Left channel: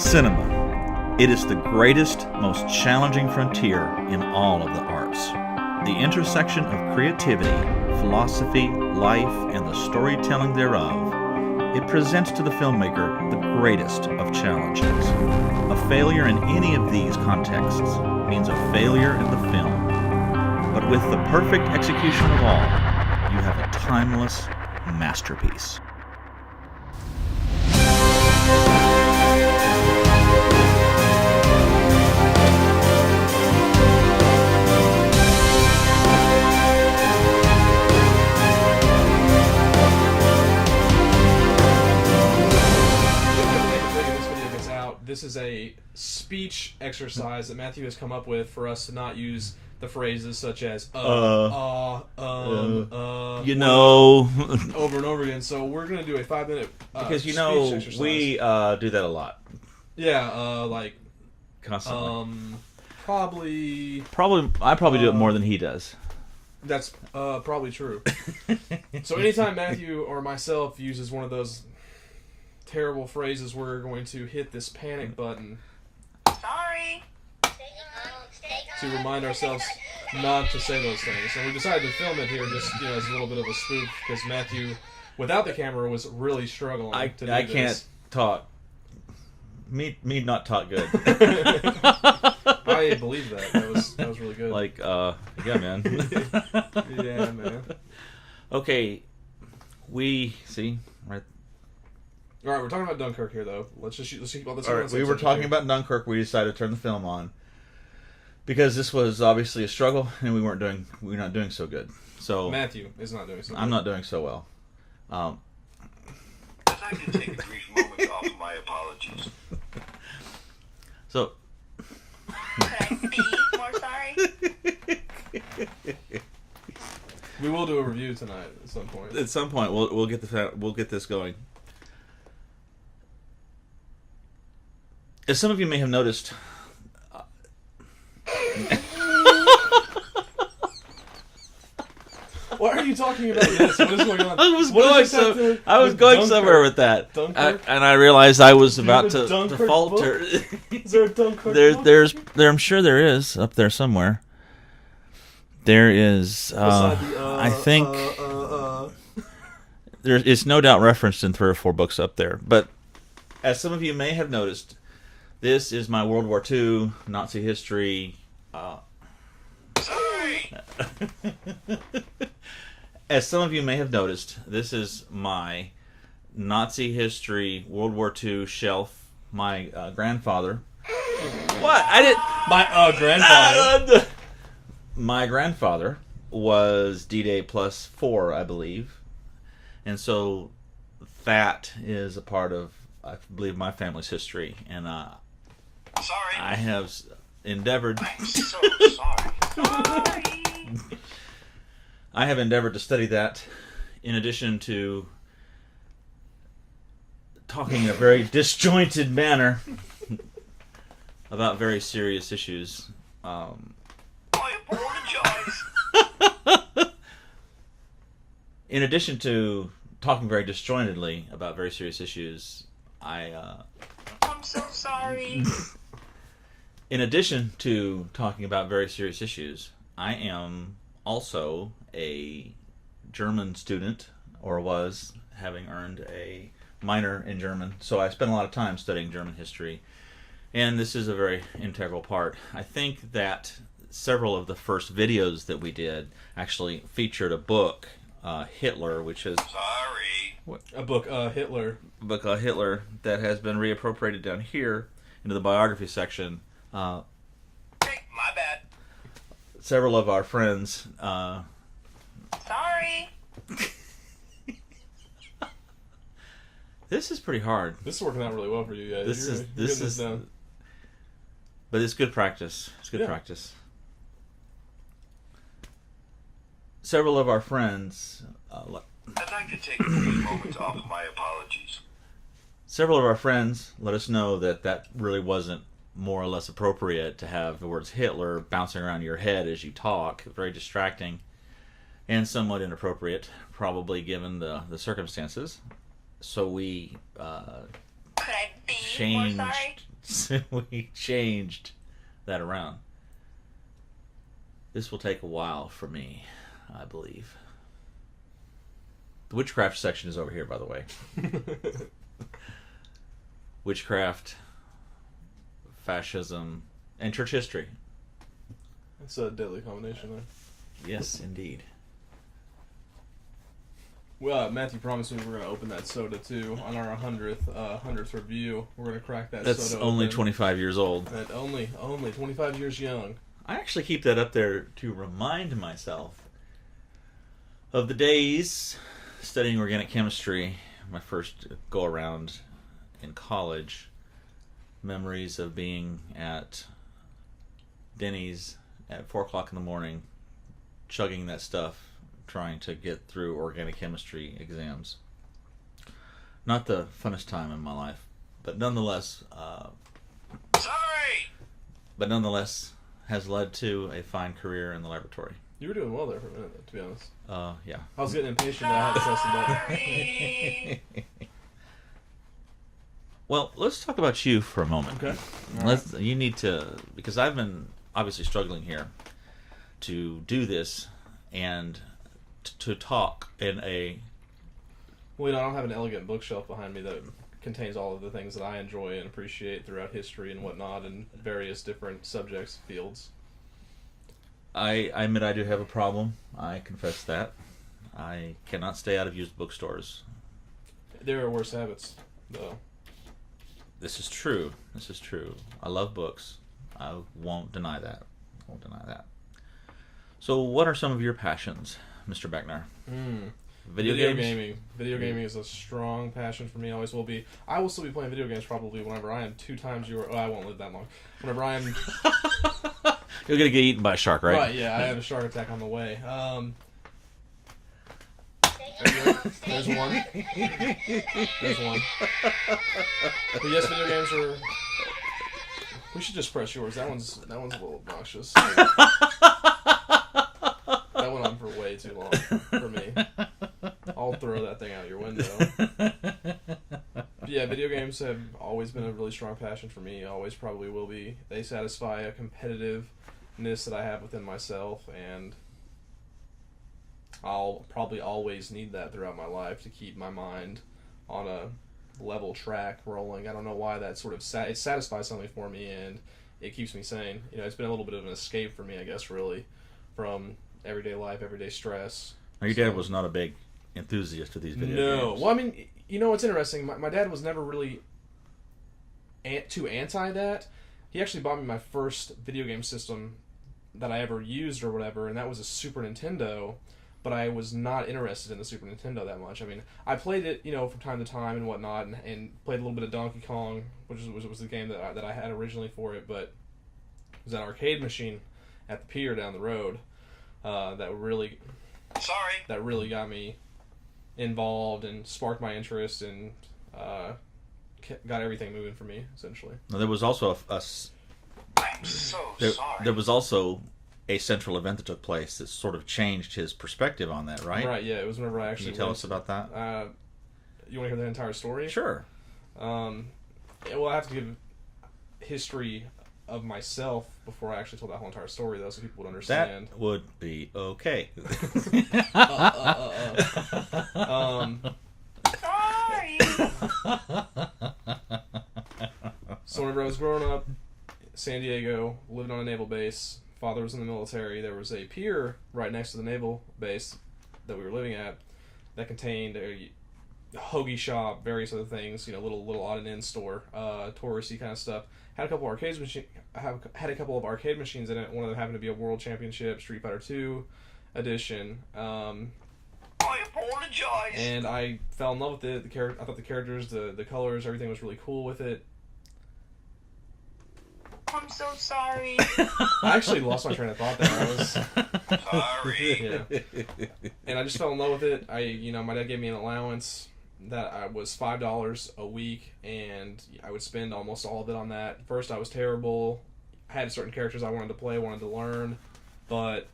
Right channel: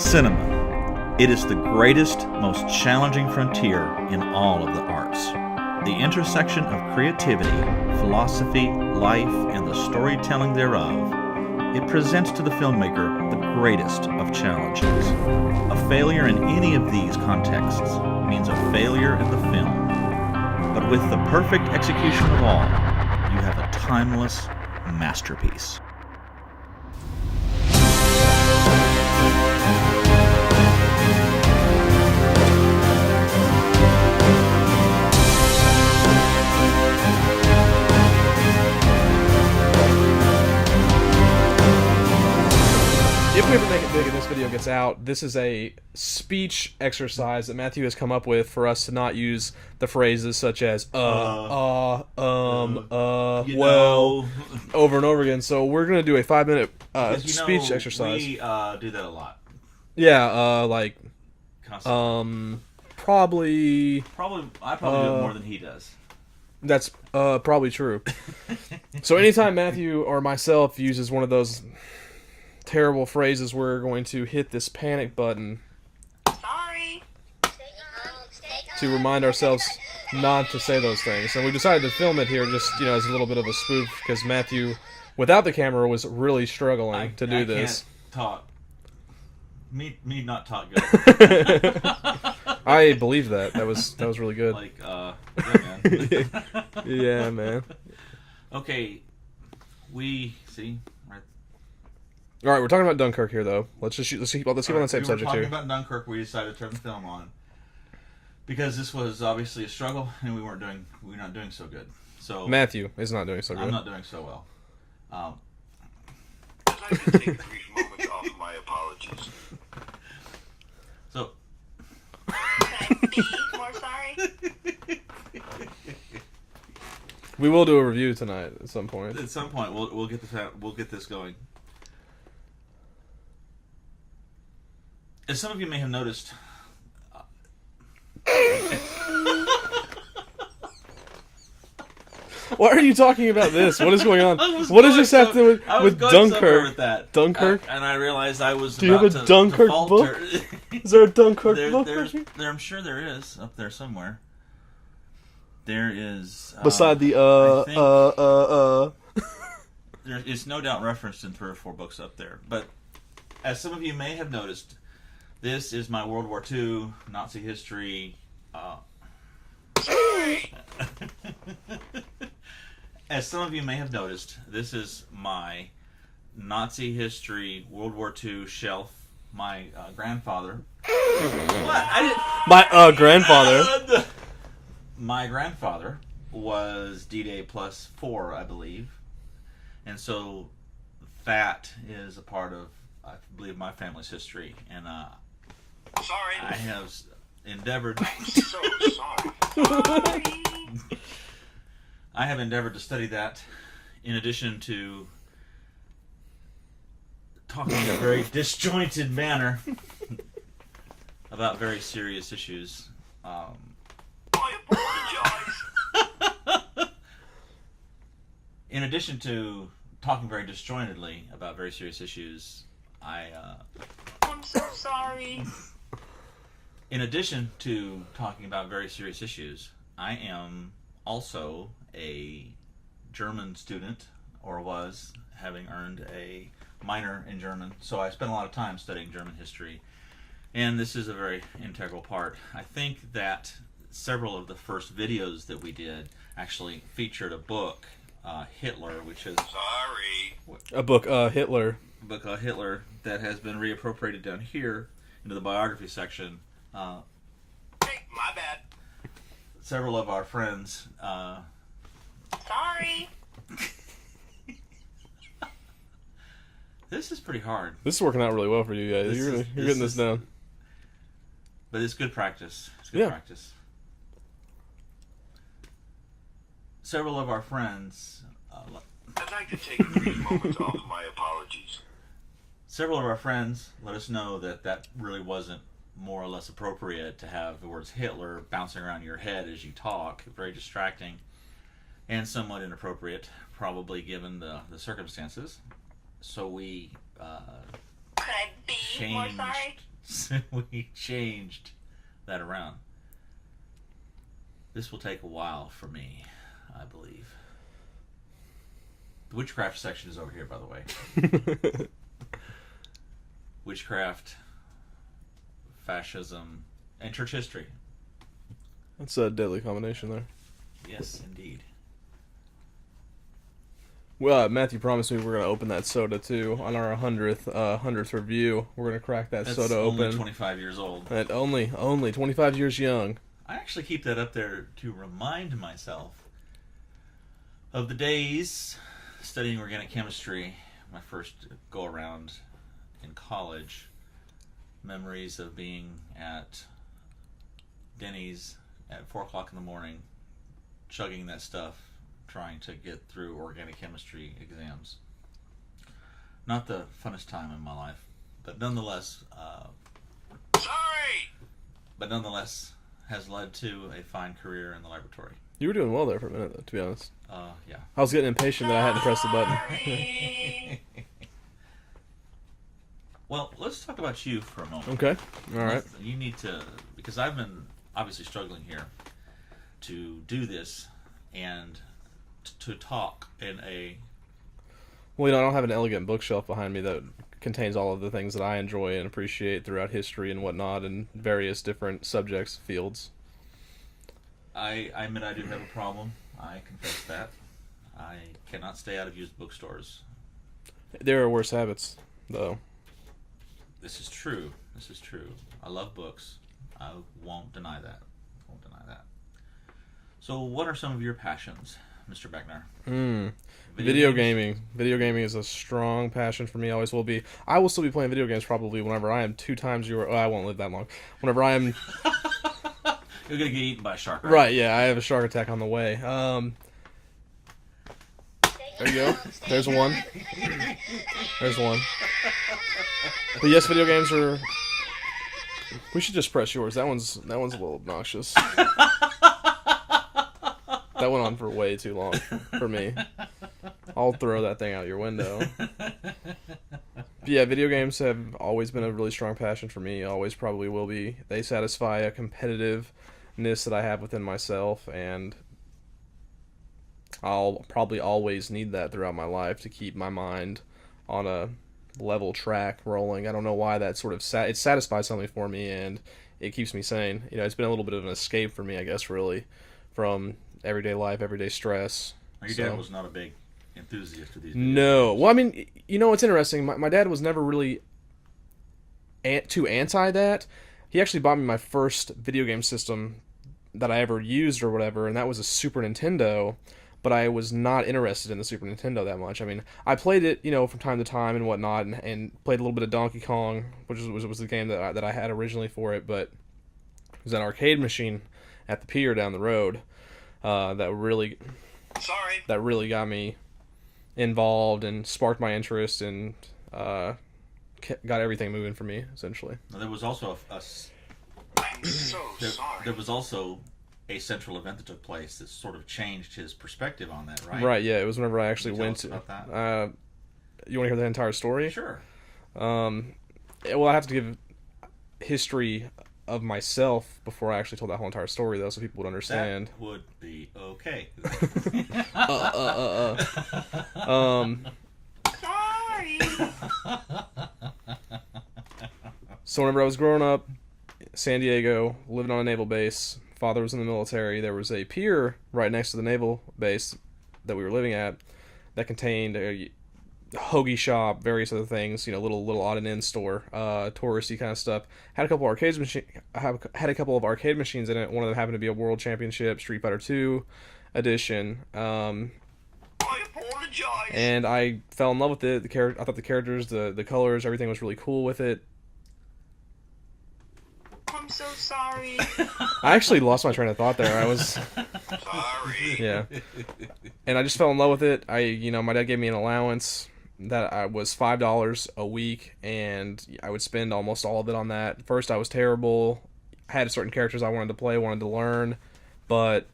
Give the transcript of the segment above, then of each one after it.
Cinema. It is the greatest, most challenging frontier in all of the arts. The intersection of creativity, philosophy, life, and the storytelling thereof. It presents to the filmmaker the greatest of challenges. A failure in any of these contexts means a failure in the film. But with the perfect execution of all, you have a timeless masterpiece. Out. This is a speech exercise that Matthew has come up with for us to not use the phrases such as over and over again. So we're going to do a 5-minute speech exercise. We do that a lot. Yeah, like constantly. Probably I probably do it more than he does. That's probably true. So anytime Matthew or myself uses one of those terrible phrases, we're going to hit this panic button. Sorry. To remind ourselves not to say those things. And we decided to film it here just, as a little bit of a spoof, because Matthew, without the camera, was really struggling to do this. I can't talk. Me not talk good. I believe that. That was really good. Yeah, man. Yeah, man. Okay. We see. Right. All right, we're talking about Dunkirk here, though. Let's keep on the same subject. We were talking about Dunkirk. We decided to turn the film on because this was obviously a struggle, and we're not doing so good. So Matthew is not doing so good. I'm not doing so well. I'd like to take a brief moment to offer my apologies. So. Can I be more sorry? We will do a review tonight at some point. At some point, we'll get this going. As some of you may have noticed, why are you talking about this? What is going on? I was what going, does this have to do I was with going Dunkirk? somewhere with that. Dunkirk? And I realized I was Do you about have a to Dunkirk falter. book? Is there a Dunkirk book? I'm sure there is up there somewhere. There is. Beside the I think it's no doubt referenced in 3 or 4 books up there. But as some of you may have noticed, this is my World War II Nazi history. As some of you may have noticed, this is my Nazi history World War II shelf. My grandfather. What? I didn't. My grandfather. My grandfather was D-Day +4, I believe, and so that is a part of, I believe, my family's history, and Sorry. I have endeavored. I'm so sorry. I have endeavored to study that, in addition to talking in a very disjointed manner about very serious issues. I apologize. In addition to talking very disjointedly about very serious issues, I'm so sorry. In addition to talking about very serious issues, I am also a German student, or was, having earned a minor in German. So I spent a lot of time studying German history, and this is a very integral part. I think that several of the first videos that we did actually featured a book, Hitler, which is A book, Hitler. Hitler, that has been reappropriated down here into the biography section. My bad. Several of our friends. Sorry. This is pretty hard. This is working out really well for you guys. You're getting this down. But it's good practice. It's good practice. Several of our friends. I'd like to take a brief moment to offer my apologies. Several of our friends let us know that really wasn't more or less appropriate to have the words Hitler bouncing around your head as you talk. Very distracting and somewhat inappropriate, probably given the circumstances. So we Could I be more sorry? So we changed that around. This will take a while for me, I believe. The witchcraft section is over here, by the way. Witchcraft, fascism, and church history. That's a deadly combination there. Yes, indeed. Well, Matthew promised me we're going to open that soda too on our 100th review. We're going to crack that That's soda only open. 25 years old. And only 25 years young. I actually keep that up there to remind myself of the days studying organic chemistry, my first go around in college. Memories of being at Denny's at 4 o'clock in the morning, chugging that stuff, trying to get through organic chemistry exams. Not the funnest time in my life, but nonetheless, has led to a fine career in the laboratory. You were doing well there for a minute, though, to be honest. Yeah. I was getting impatient that I had to press the button. Well, let's talk about you for a moment. Okay. All right. You need to, because I've been obviously struggling here to do this and to talk in a... Well, I don't have an elegant bookshelf behind me that contains all of the things that I enjoy and appreciate throughout history and whatnot in various different subjects, fields. I admit I do have a problem. I confess that. I cannot stay out of used bookstores. There are worse habits, though. This is true. I love books. I won't deny that. So what are some of your passions, Mr. Beckner? Video gaming. Video gaming is a strong passion for me, always will be. I will still be playing video games probably whenever I am 2 times your... Oh, I won't live that long. Whenever I am... You're going to get eaten by a shark, right? Right, yeah, I have a shark attack on the way. There you go. There's one. But yes, video games are... We should just press yours. That one's a little obnoxious. That went on for way too long for me. I'll throw that thing out your window. But yeah, video games have always been a really strong passion for me. Always probably will be. They satisfy a competitiveness that I have within myself, and I'll probably always need that throughout my life to keep my mind on a level track rolling. I don't know why that sort of it satisfies something for me, and it keeps me sane. It's been a little bit of an escape for me, I guess, really, from everyday life, everyday stress. Now, your dad was not a big enthusiast of these video No. games. Well, I mean, what's interesting, my dad was never really too anti that. He actually bought me my first video game system that I ever used or whatever, and that was a Super Nintendo, but I was not interested in the Super Nintendo that much. I mean, I played it, from time to time and whatnot, and played a little bit of Donkey Kong, which was the game that I had originally for it, but it was an arcade machine at the pier down the road that really got me involved and sparked my interest and got everything moving for me, essentially. Now, there was also I'm so sorry. there was also a central event that took place that sort of changed his perspective on that, right? Right, yeah. It was whenever I actually Can you tell went us about that? You want to hear the entire story? Sure. Well, I have to give history of myself before I actually told that whole entire story, though, so people would understand. That would be okay. Sorry. So whenever I was growing up, San Diego, living on a naval base, father was in the military, there was a pier right next to the naval base that we were living at that contained a hoagie shop, various other things, little odd and end store, touristy kind of stuff. Had a couple of arcade machines in it. One of them happened to be a World Championship Street Fighter 2 edition. I apologize. And I fell in love with it. I thought the characters, the colors, everything was really cool with it. I'm so sorry. I actually lost my train of thought there. I was Sorry. yeah, and I just fell in love with it. My dad gave me an allowance that I was $5 a week, and I would spend almost all of it on that. First, I was terrible. I had certain characters I wanted to play, wanted to learn, but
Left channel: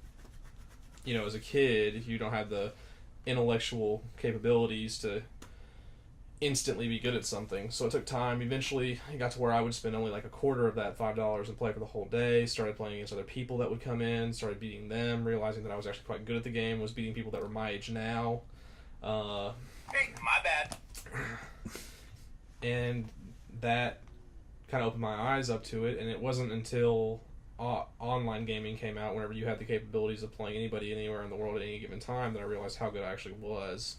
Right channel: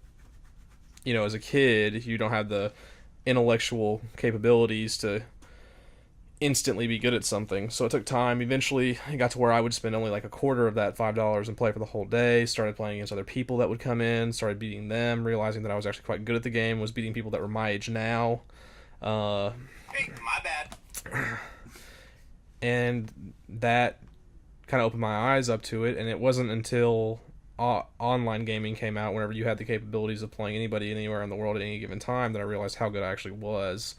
as a kid, you don't have the intellectual capabilities to instantly be good at something. So it took time. Eventually, it got to where I would spend only like a quarter of that $5 and play for the whole day. Started playing against other people that would come in. Started beating them. Realizing that I was actually quite good at the game. Was beating people that were my age now. Hey, my bad. And that kind of opened my eyes up to it. And it wasn't until online gaming came out, whenever you had the capabilities of playing anybody anywhere in the world at any given time, that I realized how good I actually was.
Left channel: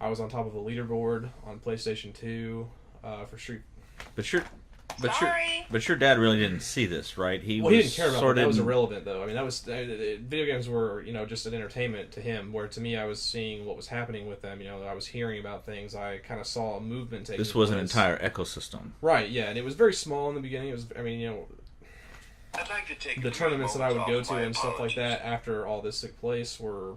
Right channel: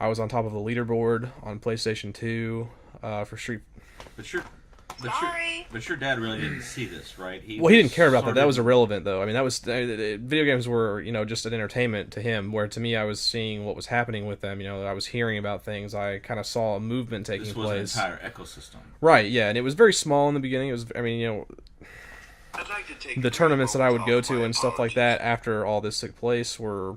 I was on top of the leaderboard on PlayStation 2 for Street. But your Sorry. but your dad really didn't see this, right? He didn't care about that. That was irrelevant, though. I mean, that was video games were, just an entertainment to him. Where to me, I was seeing what was happening with them. I was hearing about things. I kind of saw a movement taking place. This was an entire ecosystem, right? Yeah, and it was very small in the beginning. It was, I mean, I'd like to take the tournaments that I would go to and stuff like that after all this took place were a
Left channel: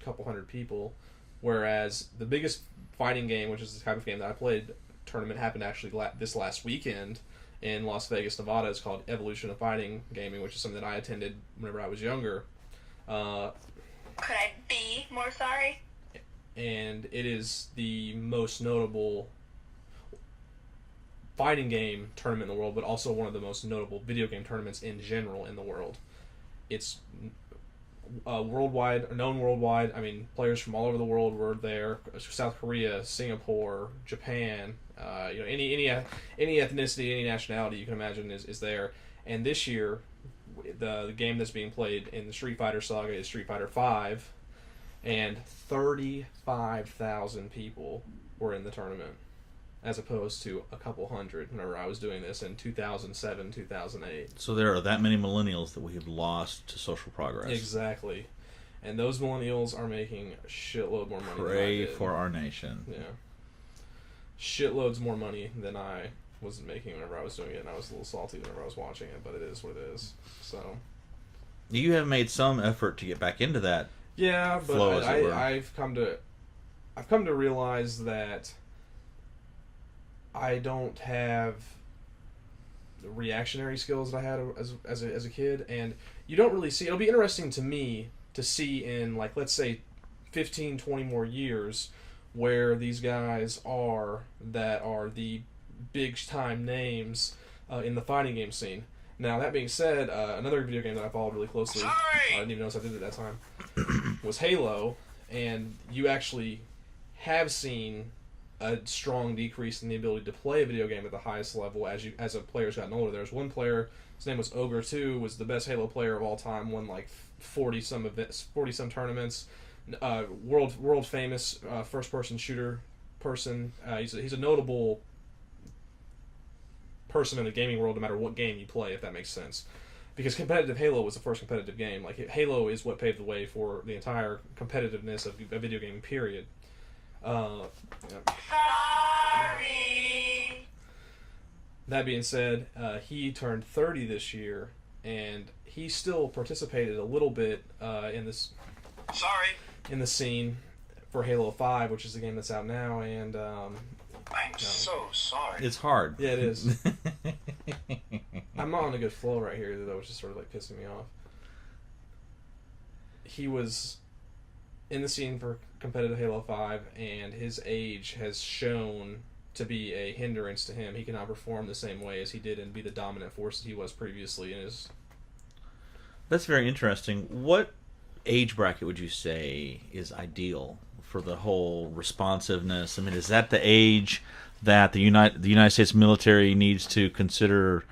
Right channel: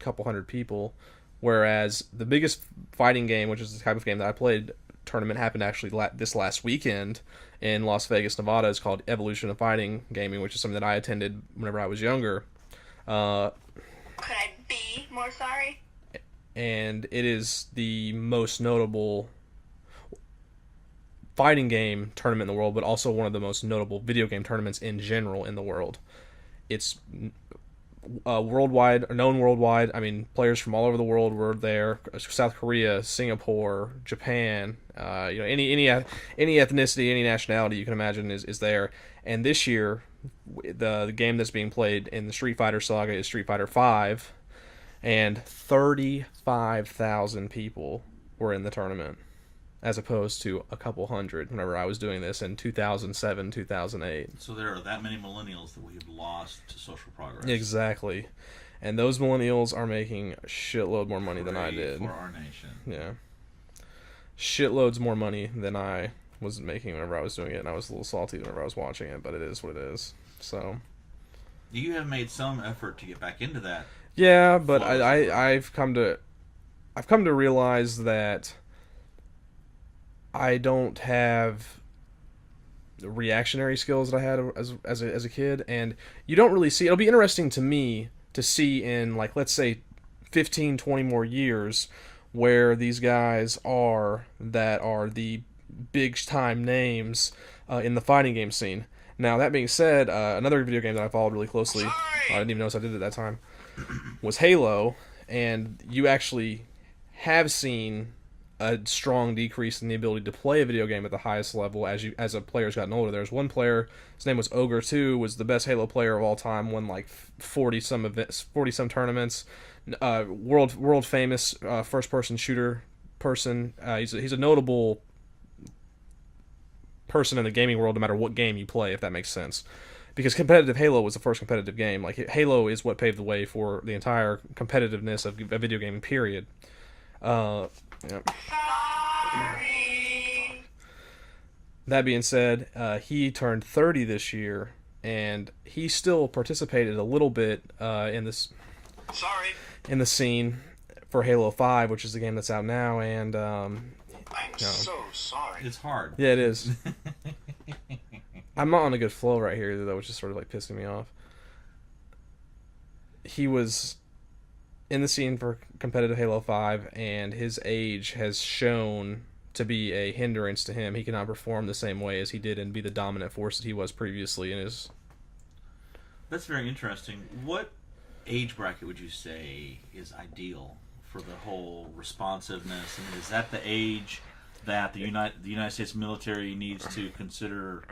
couple hundred people. Whereas the biggest fighting game, which is the type of game that I played, tournament happened actually this last weekend in Las Vegas, Nevada. It's called Evolution of Fighting Gaming, which is something that I attended whenever I was younger. Could I be more sorry? And it is the most notable fighting game tournament in the world, but also one of the most notable video game tournaments in general in the world. It's worldwide, known worldwide. I mean, players from all over the world were there. South Korea, Singapore, Japan, any ethnicity, any nationality you can imagine is there. And this year, the game that's being played in the Street Fighter saga is Street Fighter V, and 35,000 people were in the tournament, as opposed to a couple hundred whenever I was doing this in 2007, 2008. So there are that many millennials that we have lost to social progress. Exactly. And those millennials are making a shitload more money than I did. For our nation. Yeah. Shitloads more money than I was making whenever I was doing it, and I was a little salty whenever I was watching it, but it is what it is. So. You have made some effort to get back into that. Yeah, but I've come to realize that I don't have the reactionary skills that I had as a kid, and you don't really see. It'll be interesting to me to see in, like, let's say 15, 20 more years where these guys are that are the big time names in the fighting game scene. Now, that being said, another video game that I followed really closely, I didn't even notice I did it at that time, was Halo, and you actually have seen a strong decrease in the ability to play a video game at the highest level as a player's gotten older. There was one player, his name was Ogre 2, was the best Halo player of all time, won like 40 some tournaments, world famous first person shooter person. He's a notable person in the gaming world, no matter what game you play, if that makes sense. Because competitive Halo was the first competitive game. Like, Halo is what paved the way for the entire competitiveness of a video game, period. Yep. Sorry. That being said, he turned 30 this year, and he still participated a little bit in the scene for Halo 5, which is the game that's out now, and I'm so sorry. It's hard. yeah, it is. I'm not on a good flow right here, though, which is sort of like pissing me off. He was in the scene for competitive Halo 5, and his age has shown to be a hindrance to him. He cannot perform the same way as he did and be the dominant force that he was previously in his... That's very interesting. What age bracket would you say is ideal for the whole responsiveness? I mean, is that the age that the United States military needs to consider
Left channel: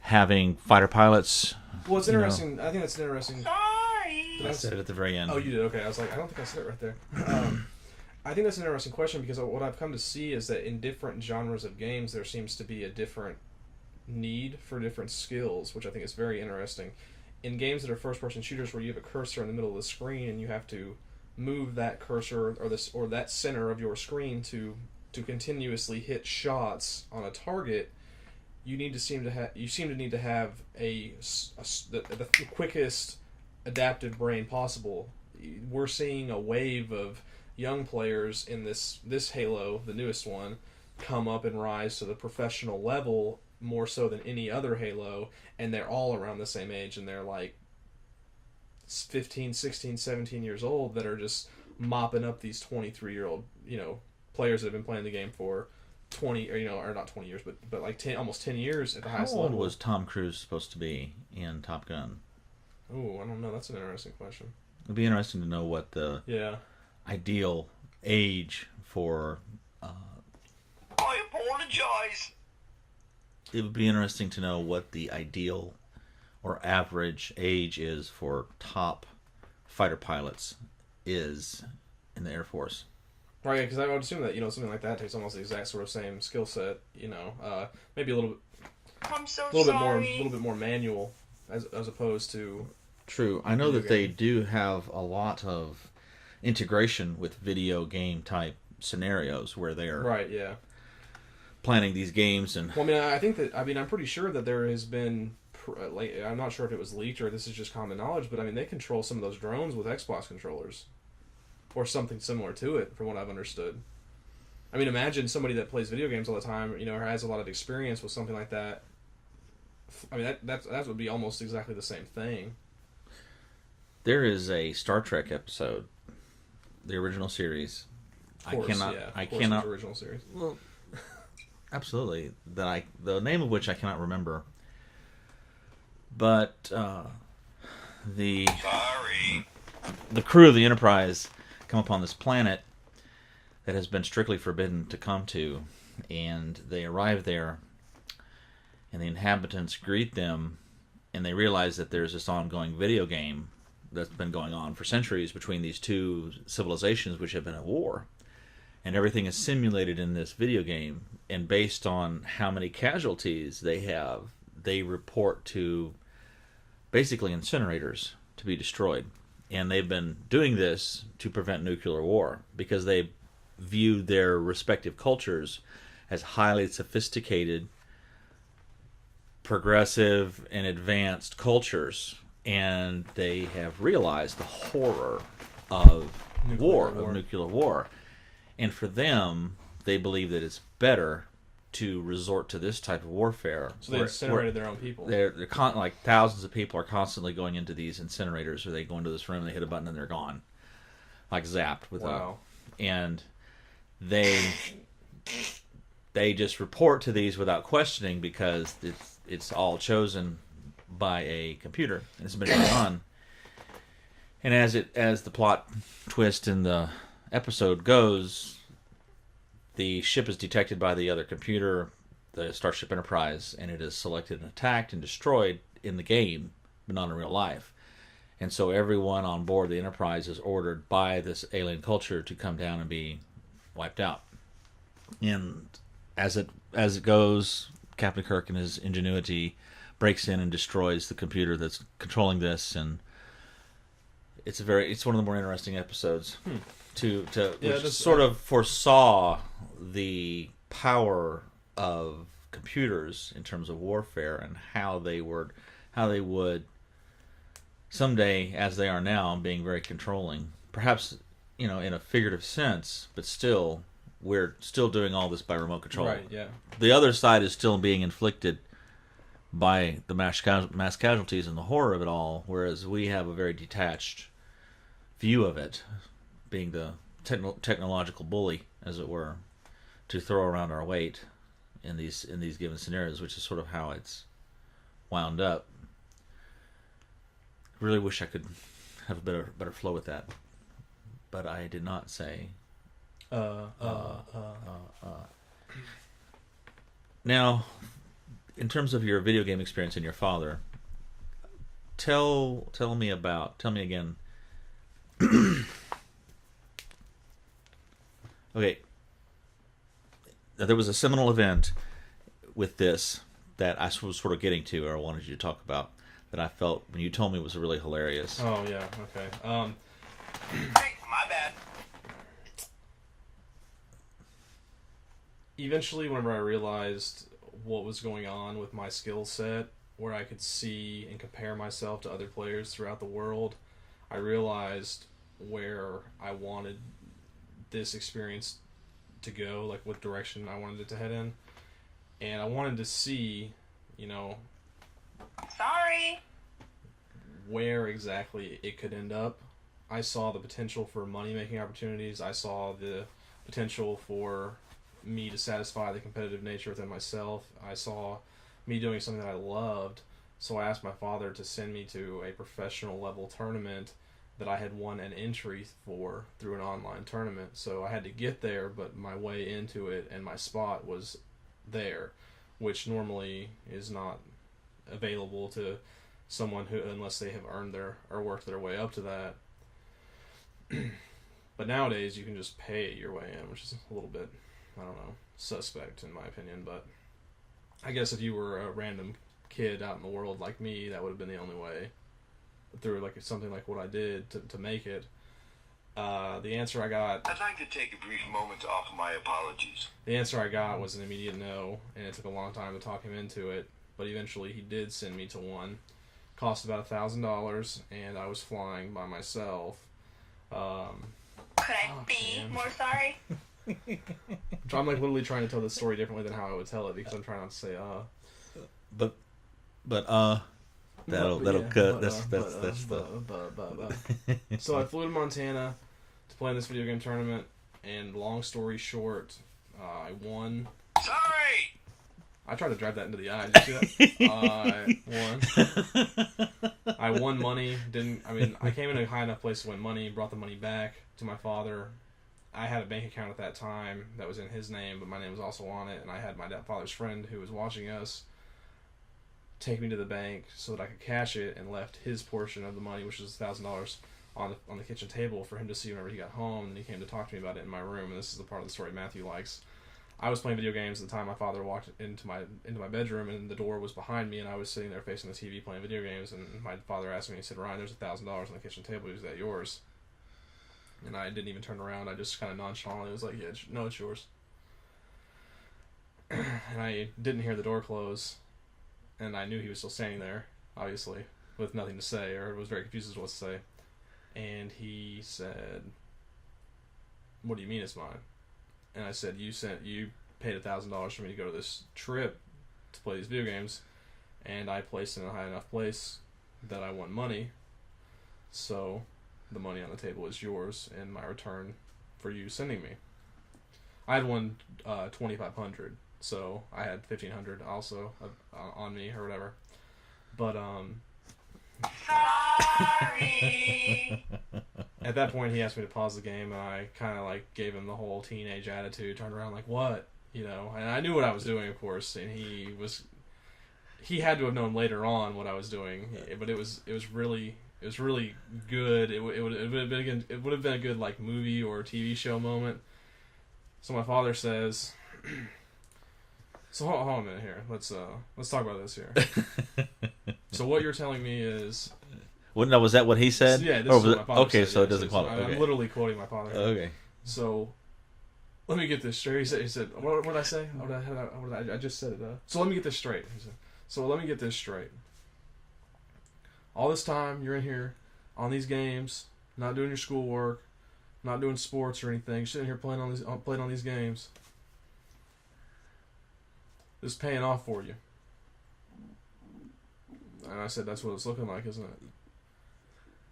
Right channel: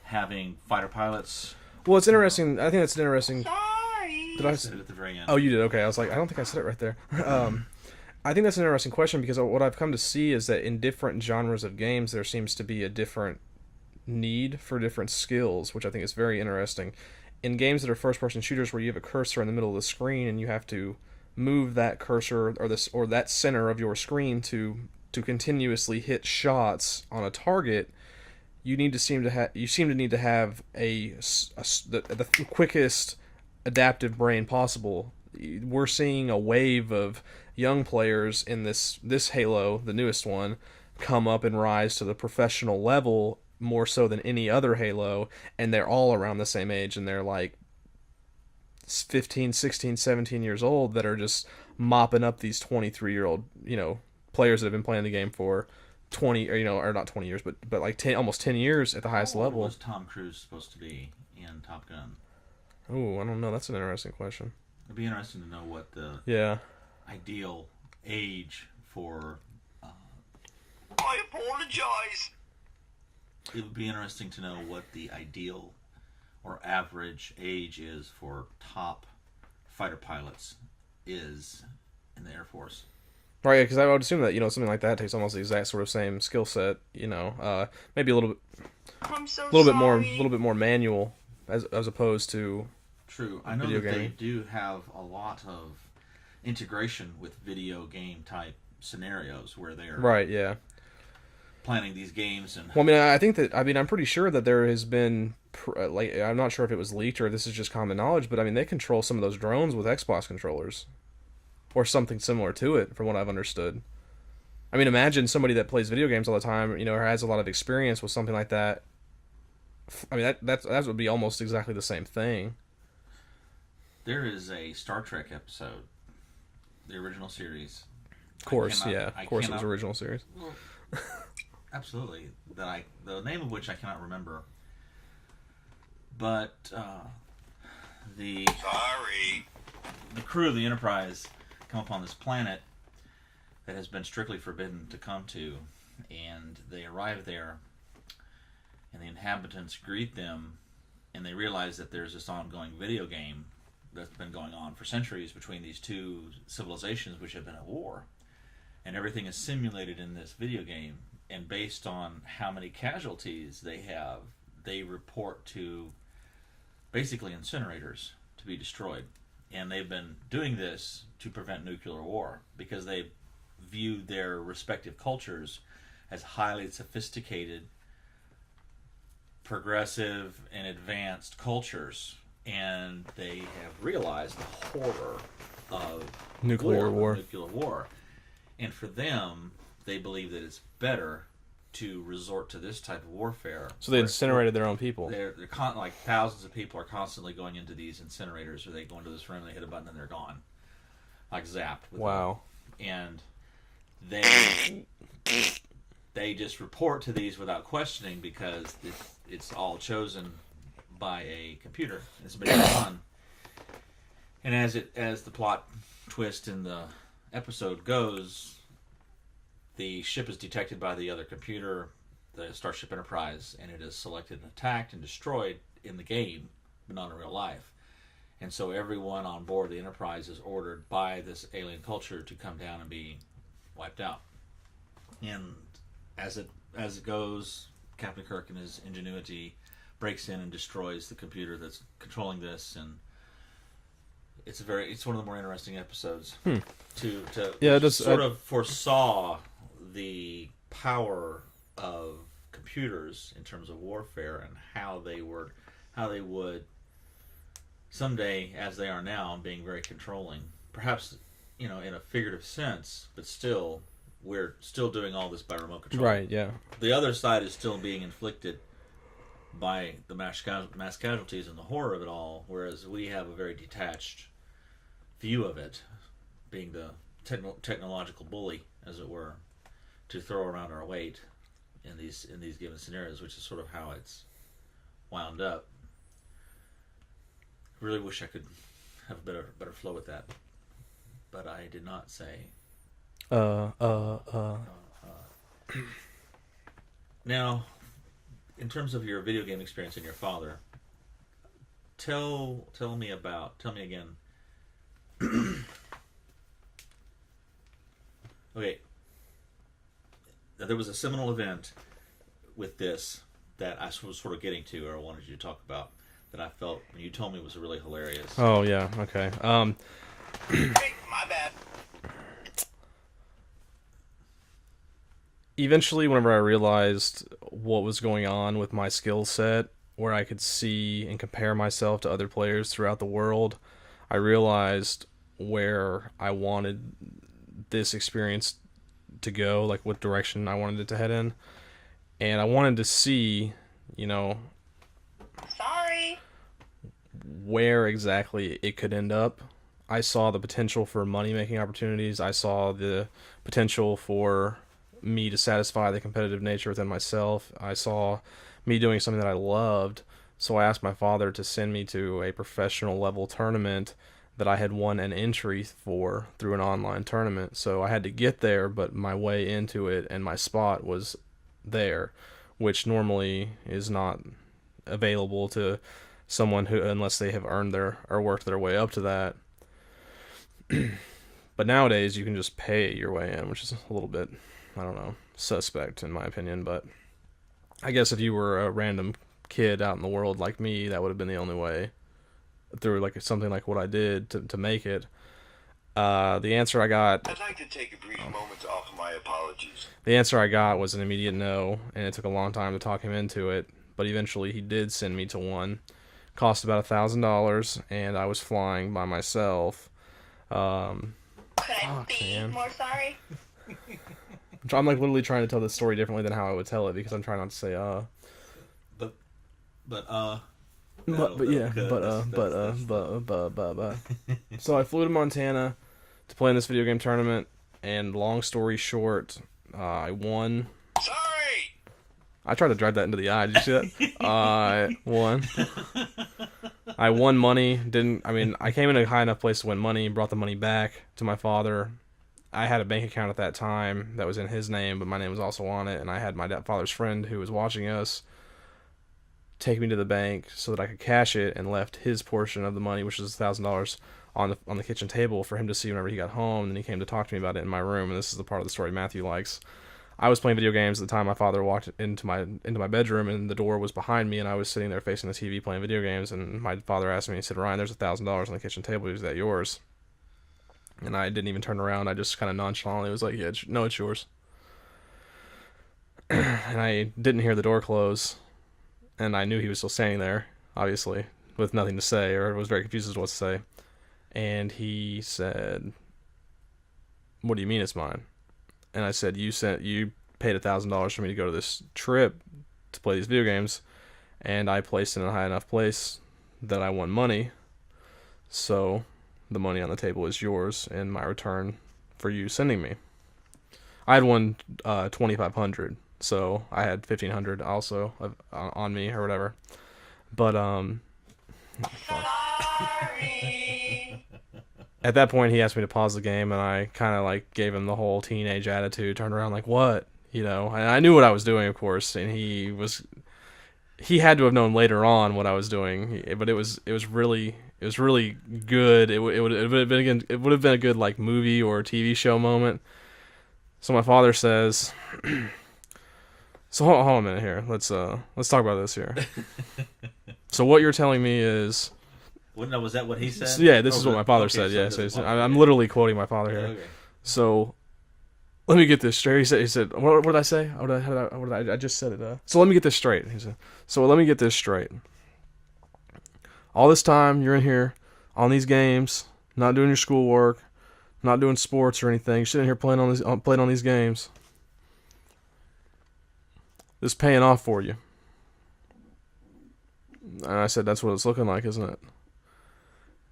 having fighter pilots? Well, it's interesting. I think that's an interesting... Sorry. Did I said it at the very end. Oh, you did? Okay. I was like, I don't think I said it right there. I think that's an interesting question, because what I've come to see is that in different genres of games, there seems to be a different need for different skills, which I think is very interesting. In games that are first-person shooters, where you have a cursor in the middle of the screen and you have to move that cursor or that center of your screen to continuously hit shots on a target, you seem to need to have the quickest adaptive brain possible. We're seeing a wave of young players in this Halo, the newest one, come up and rise to the professional level more so than any other Halo, and they're all around the same age, and they're like 15, 16, 17 years old, that are just mopping up these 23-year-old, players that have been playing the game for 20, or not 20 years, but like 10, almost 10 years at the highest How old level. was Tom Cruise supposed to be in Top Gun? Oh, I don't know. That's an interesting question. It'd be interesting to know what the ideal age for. I apologize. It would be interesting to know what the ideal or average age is for top fighter pilots is in the Air Force. Right, because I would assume that something like that takes almost the exact sort of same skill set. Maybe a little bit, I'm so a little bit more manual as opposed to. True. I know that they do have a lot of integration with video game type scenarios where they're Right, yeah. planning these games and. Well, I'm pretty sure that there has been I'm not sure if it was leaked or this is just common knowledge, but they control some of those drones with Xbox controllers, or something similar to it, from what I've understood. I mean, imagine somebody that plays video games all the time, or has a lot of experience with something like that. I mean, that would be almost exactly the same thing. There is a Star Trek episode, the original series. Of course, it was the original series. Well, absolutely. The name of which I cannot remember. But the crew of the Enterprise come upon this planet that has been strictly forbidden to come to, and they arrive there, and the inhabitants greet them, and they realize that there's this ongoing video game that's been going on for centuries between these two civilizations which have been at war, and everything is simulated in this video game, and based on how many casualties they have, they report to basically incinerators to be destroyed. And they've been doing this to prevent nuclear war because they view their respective cultures as highly sophisticated, progressive, and advanced cultures, and they have realized the horror of nuclear war. And for them, they believe that it's better to resort to this type of warfare. So they incinerated their own people. They're like thousands of people are constantly going into these incinerators, or they go into this room, they hit a button, and they're gone, like zapped. Wow. And they just report to these without questioning because it's all chosen by a computer, and it's been done. And as the plot twist in the episode goes, the ship is detected by the other computer, the Starship Enterprise, and it is selected and attacked and destroyed in the game, but not in real life. And so everyone on board the Enterprise is ordered by this alien culture to come down and be wiped out. And as it goes, Captain Kirk and his ingenuity breaks in and destroys the computer that's controlling this, and it's one of the more interesting episodes. Sort of foresaw the power of computers in terms of warfare and how they would someday, as they are now, being very controlling. Perhaps, in a figurative sense, but still, we're still doing all this by remote control. Right, yeah. The other side is still being inflicted by the mass casualties and the horror of it all, whereas we have a very detached view of it, being the technological bully, as it were, to throw around our weight in these given scenarios, which is sort of how it's wound up. I really wish I could have a better flow with that, but I did not say. Now, in terms of your video game experience and your father, tell me again. Okay, there was a seminal event with this that I was sort of getting to, or I wanted you to talk about, that I felt when you told me was really hilarious. Oh yeah, okay. Hey, my bad. Eventually, whenever I realized what was going on with my skill set, where I could see and compare myself to other players throughout the world, I realized where I wanted this experience to go, like what direction I wanted it to head in. And I wanted to see, Sorry. where exactly it could end up. I saw the potential for money-making opportunities. I saw the potential for me to satisfy the competitive nature within myself. I saw me doing something that I loved, so I asked my father to send me to a professional level tournament that I had won an entry for through an online tournament. So I had to get there, but my way into it and my spot was there, which normally is not available to someone who, unless they have earned their or worked their way up to that. But nowadays you can just pay your way in, which is a little bit, I don't know, suspect in my opinion. But I guess if you were a random kid out in the world like me, that would have been the only way through like something like what I did to make it. The answer I got... I'd like to take a brief moment to offer my apologies. The answer I got was an immediate no, and it took a long time to talk him into it, but eventually he did send me to one. Cost about $1,000, and I was flying by myself. Could I be more sorry? I'm like literally trying to tell this story differently than how I would tell it, because I'm trying not to say That'll cut. So I flew to Montana to play in this video game tournament, and long story short, I won. Sorry! I tried to drive that into the eye. Did you see that? I won. I won money. I came in a high enough place to win money, brought the money back to my father. I had a bank account at that time that was in his name, but my name was also on it, and I had my father's friend who was watching us take me to the bank so that I could cash it, and left his portion of the money, which was $1,000, on the kitchen table for him to see whenever he got home. And then he came to talk to me about it in my room, and this is the part of the story Matthew likes. I was playing video games at the time. My father walked into my bedroom, and the door was behind me, and I was sitting there facing the TV playing video games. And my father asked me, he said, "Ryan, there's $1,000 on the kitchen table. Is that yours?" And I didn't even turn around. I just kind of nonchalantly was like, "Yeah, no, it's yours." And I didn't hear the door close, and I knew he was still standing there, obviously, with nothing to say, or was very confused as to what to say. And he said, "What do you mean it's mine?" And I said, you paid $1,000 for me to go to this trip to play these video games, and I placed in a high enough place that I won money, so the money on the table is yours in my return for you sending me. I had won $2,500, so I had $1,500 also on me or whatever. But Sorry. at that point, he asked me to pause the game, and I kind of like gave him the whole teenage attitude, turned around like, "What?" And I knew what I was doing, of course, and he had to have known later on what I was doing, but it was really good. It would have been a good like movie or TV show moment. So my father says, "So hold on a minute here. Let's talk about this here." So what you're telling me is... Well, no, was that what he said? Yeah, this is what my father said. So Yeah, I'm literally quoting my father here. Okay. So, let me get this straight. He said, what did I say? I just said it. So let me get this straight. He said, so let me get this straight. All this time you're in here on these games, not doing your schoolwork, not doing sports or anything, you're sitting here playing on these games. This is paying off for you. And I said, that's what it's looking like, isn't it?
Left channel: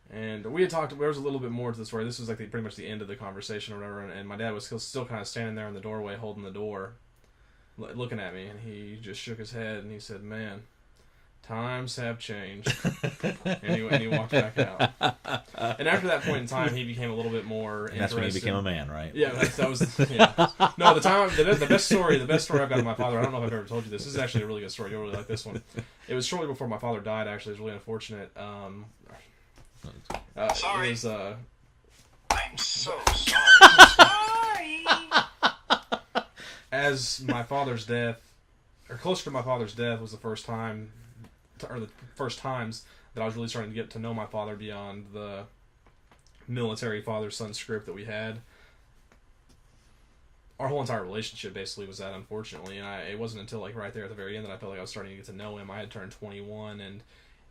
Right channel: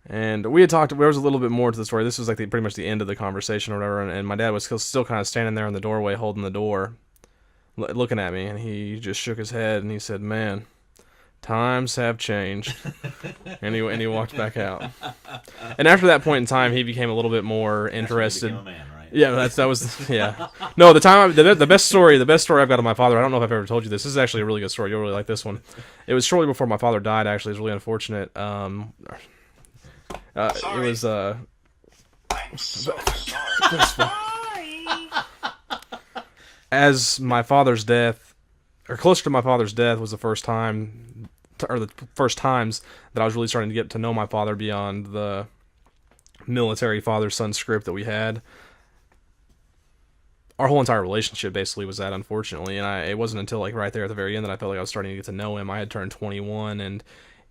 And we had talked, there was a little bit more to the story. This was like pretty much the end of the conversation or whatever, and my dad was still kind of standing there in the doorway holding the door, looking at me, and he just shook his head, and he said, "Man, times have changed." and he walked back out. And after that point in time, he became a little bit more interested. That's when he became a man, right? Yeah, that was yeah. No, the best story I've got of my father. I don't know if I've ever told you this. This is actually a really good story. You'll really like this one. It was shortly before my father died. Actually, it was really unfortunate. It was I'm so sorry. Sorry. as my father's death, or closer to my father's death, was the first time, or the first times that I was really starting to get to know my father beyond the military father-son script that we had. Our whole entire relationship basically was that, unfortunately, and it wasn't until like right there at the very end that I felt like I was starting to get to know him. I had turned 21, and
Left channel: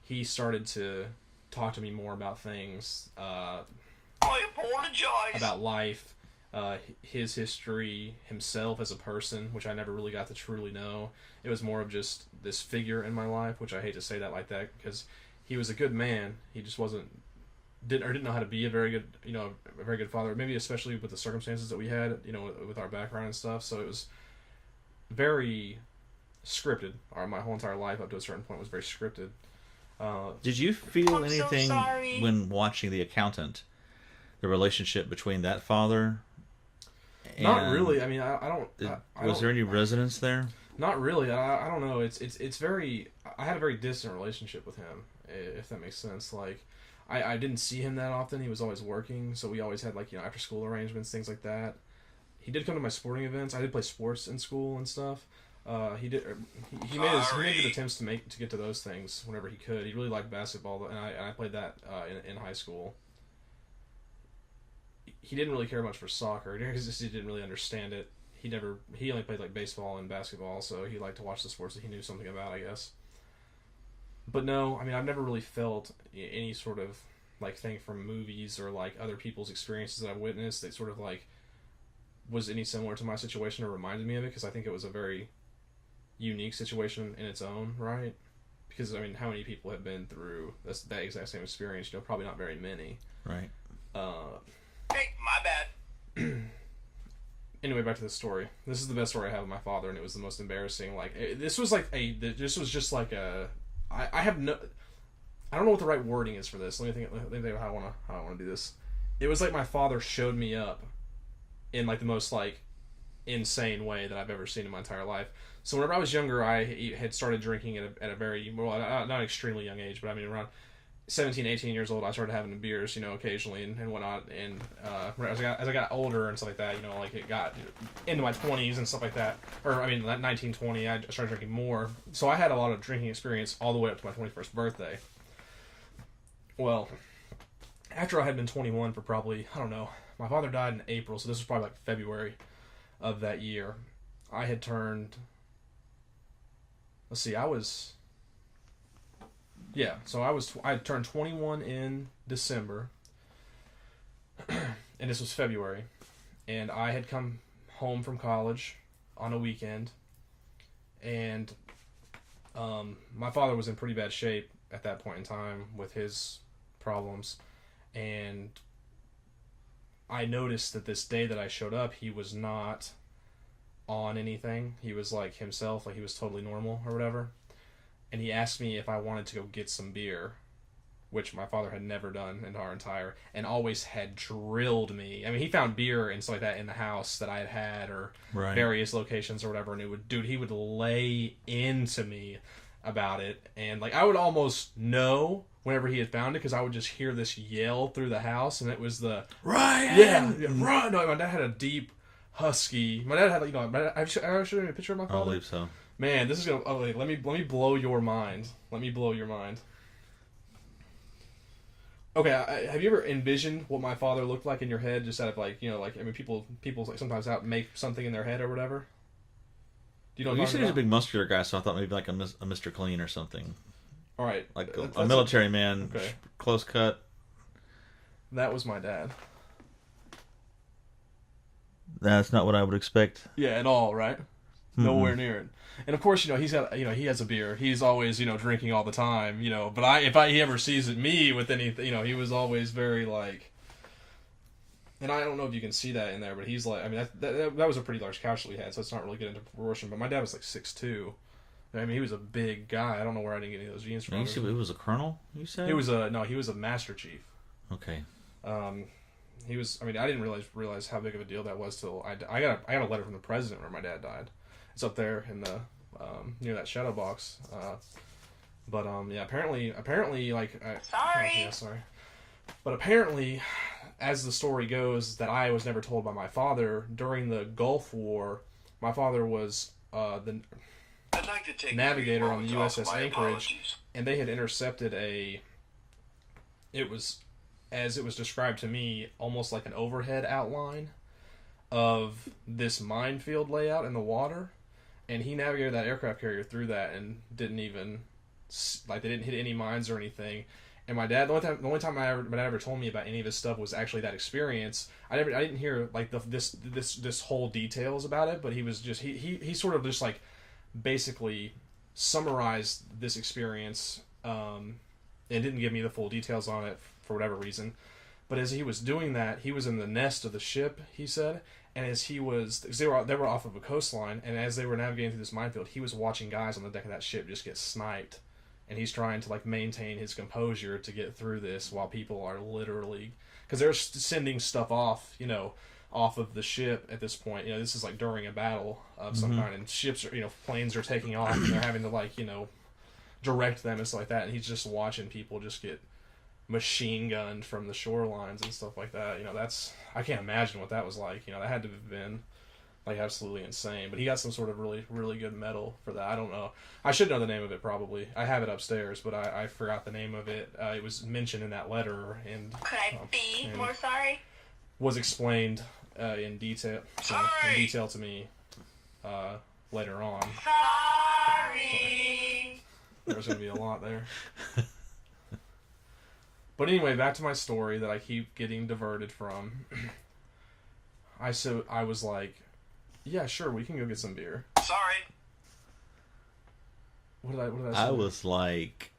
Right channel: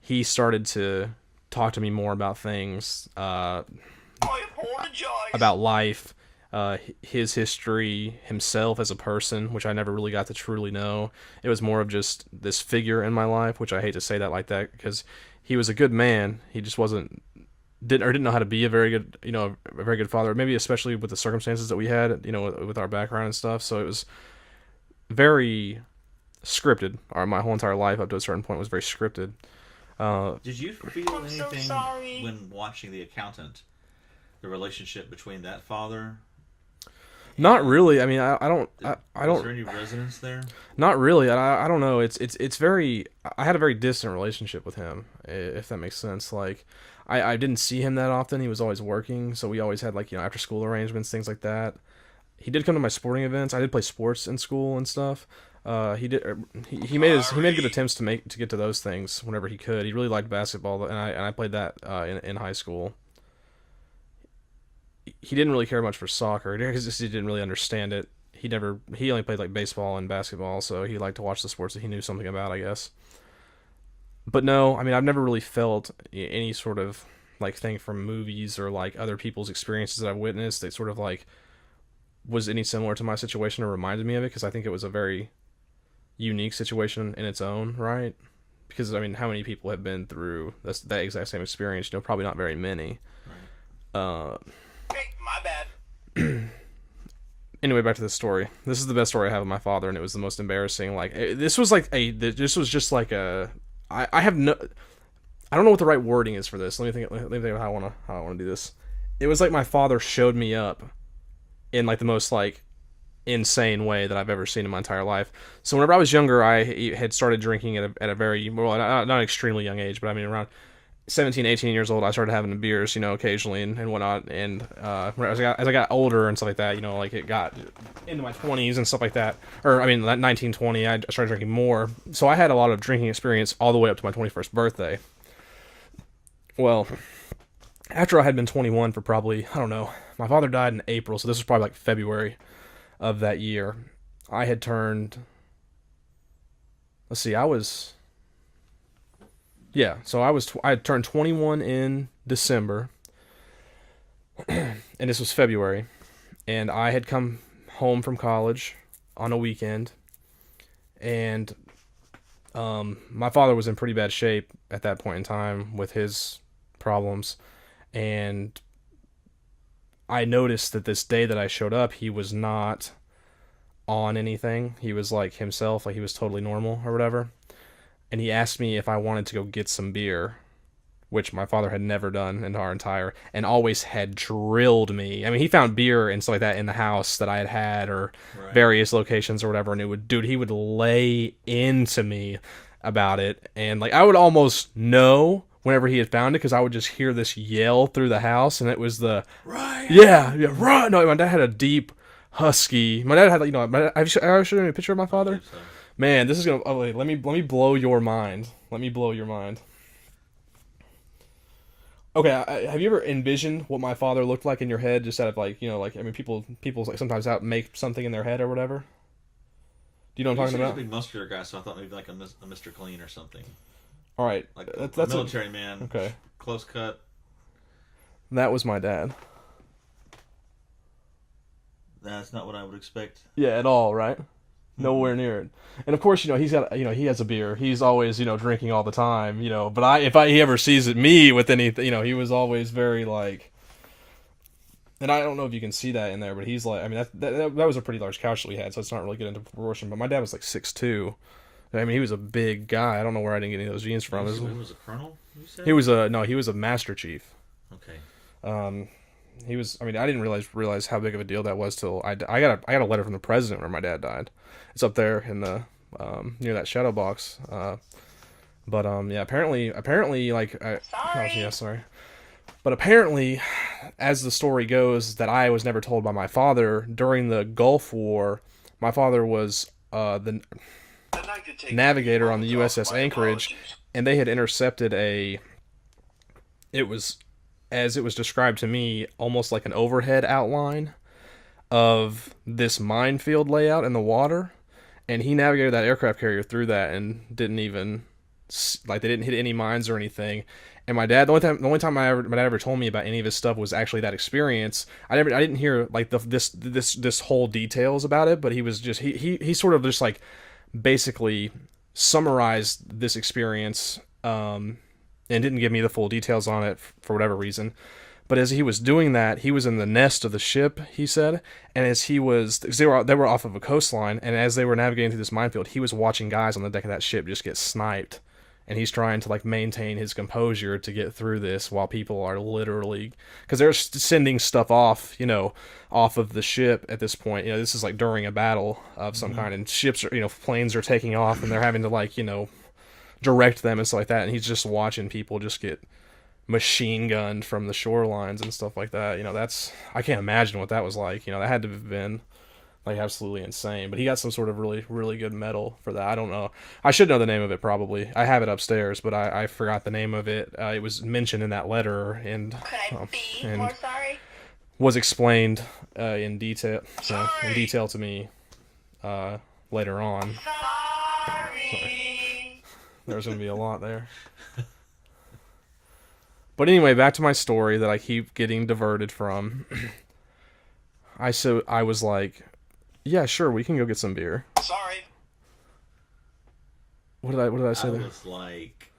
he started to talk to me more about things, I apologize. about life, his history, himself as a person, which I never really got to truly know. It was more of just this figure in my life, which I hate to say that like that, because he was a good man. He just wasn't didn't know how to be a very good, a very good father. Maybe especially with the circumstances that we had, with our background and stuff. So it was very scripted. My whole entire life up to a certain point was very scripted. Did you feel I'm so anything sorry. when watching The Accountant? The relationship between that father? Not really. I mean, I don't. Was there any resonance there? Not really. I don't know. It's very. I had a very distant relationship with him, if that makes sense. Like, I didn't see him that often. He was always working, so we always had like after school arrangements, things like that. He did come to my sporting events. I did play sports in school and stuff. He did. He made good attempts to get to those things whenever he could. He really liked basketball, and I played that in high school. He didn't really care much for soccer because he didn't really understand it. He only played like baseball and basketball, so he liked to watch the sports that he knew something about, I guess. But no, I mean, I've never really felt any sort of like thing from movies or like other people's experiences that I've witnessed that sort of like was any similar to my situation or reminded me of it, because I think it was a very unique situation in its own right. Because I mean, how many people have been through that exact same experience? Probably not very many. Right. Hey, my bad. Anyway, back to this story. This is the best story I have of my father, and it was the most embarrassing. Like, this was just like a. I have no. I don't know what the right wording is for this. Let me think about how I want to do this. It was like my father showed me up, in like the most like insane way that I've ever seen in my entire life. So whenever I was younger, I had started drinking at a very not an extremely young age, but I mean around 17, 18 years old, I started having beers, occasionally and whatnot. And as I got older and stuff like that, like it got into my 20s and stuff like that. Or, I mean, 19, 20, I started drinking more. So I had a lot of drinking experience all the way up to my 21st birthday. Well, after I had been 21 for probably, I don't know, my father died in April, so this was probably like February of that year. I had turned, let's see, I had turned 21 in December, and this was February, and I had come home from college on a weekend, and my father was in pretty bad shape at that point in time with his problems, and I noticed that this day that I showed up, he was not on anything. He was like himself, like he was totally normal or whatever. And he asked me if I wanted to go get some beer, which my father had never done in our entire, and always had drilled me. I mean, he found beer and stuff like that in the house that I had or Right. various locations or whatever, and he would lay into me about it. And like, I would almost know whenever he had found it, because I would just hear this yell through the house, and it was the, Right. yeah, right. No, my dad had a deep, husky, my dad had, I showed you a picture of my I father. believe so. Man, this is gonna. Oh wait, let me blow your mind. Let me blow your mind. Okay, have you ever envisioned what my father looked like in your head, just out of like, I mean, people like sometimes out make something in their head or whatever. Do you know what You I'm said talking he was a about? big muscular guy, so I thought maybe like a Mr. Clean or something. All right, Like that's a military man, okay. close cut. That was my dad. That's not what I would expect. Yeah, at all, right? Nowhere near it. And of course, he has a beer. He's always, drinking all the time, but if he ever sees me with anything, he was always very like, and I don't know if you can see that in there, but he's like, I mean, that was a pretty large couch that we had, so it's not really good into proportion, but my dad was like 6'2". I mean, he was a big guy. I don't know where I didn't get any of those genes from. He was a colonel, you said? He was a master chief. Okay. He was. I mean, I didn't realize how big of a deal that was till I got a letter from the president when my dad died. It's up there in the near that shadow box. But yeah, apparently, like, Sorry. oh, yeah, sorry. But apparently, as the story goes, that I was never told by my father, during the Gulf War, my father was the I'd like to take navigator on the moments off USS my Anchorage, apologies. and they had intercepted it was, as it was described to me, almost like an overhead outline of this minefield layout in the water, and he navigated that aircraft carrier through that and didn't even, like, they didn't hit any mines or anything. And my dad, the only time my dad ever told me about any of his stuff was actually that experience. I didn't hear like this whole details about it, but he was just he sort of just like basically summarized this experience and didn't give me the full details on it for whatever reason. But as he was doing that, he was in the nest of the ship, he said, and as he was, because they were off of a coastline, and as they were navigating through this minefield, he was watching guys on the deck of that ship just get sniped, and he's trying to like maintain his composure to get through this while people are literally, because they're sending stuff off, off of the ship at this point. This is like during a battle of some kind, and ships are, planes are taking off, and they're having to like, direct them and stuff like that, and he's just watching people just get machine gunned from the shorelines and stuff like that. I can't imagine what that was like. That had to have been like absolutely insane. But he got some sort of really, really good medal for that. I don't know. I should know the name of it probably. I have it upstairs, but I forgot the name of it. It was mentioned in that letter, and Could I be more sorry? was explained in detail to me later on. Sorry. There's gonna be a lot there. But anyway, back to my story that I keep getting diverted from. I was like, yeah, sure, we can go get some beer. Sorry. What did I say? I was like,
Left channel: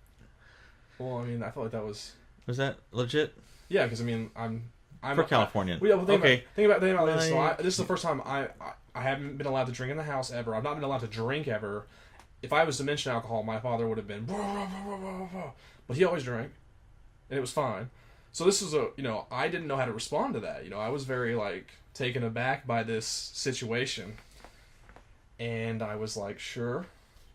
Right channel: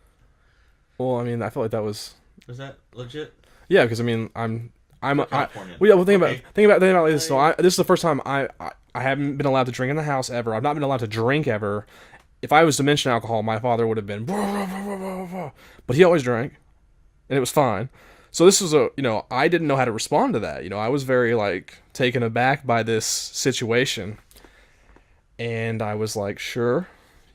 Well, I mean, I felt like that was that legit? yeah, because I mean, I'm For Californian. Well, think Okay. about this. So this is the first time I haven't been allowed to drink in the house ever. I've not been allowed to drink ever. If I was to mention alcohol, my father would have been, but he always drank, and it was fine. So this was I didn't know how to respond to that. I was very like taken aback by this situation, and I was like, sure,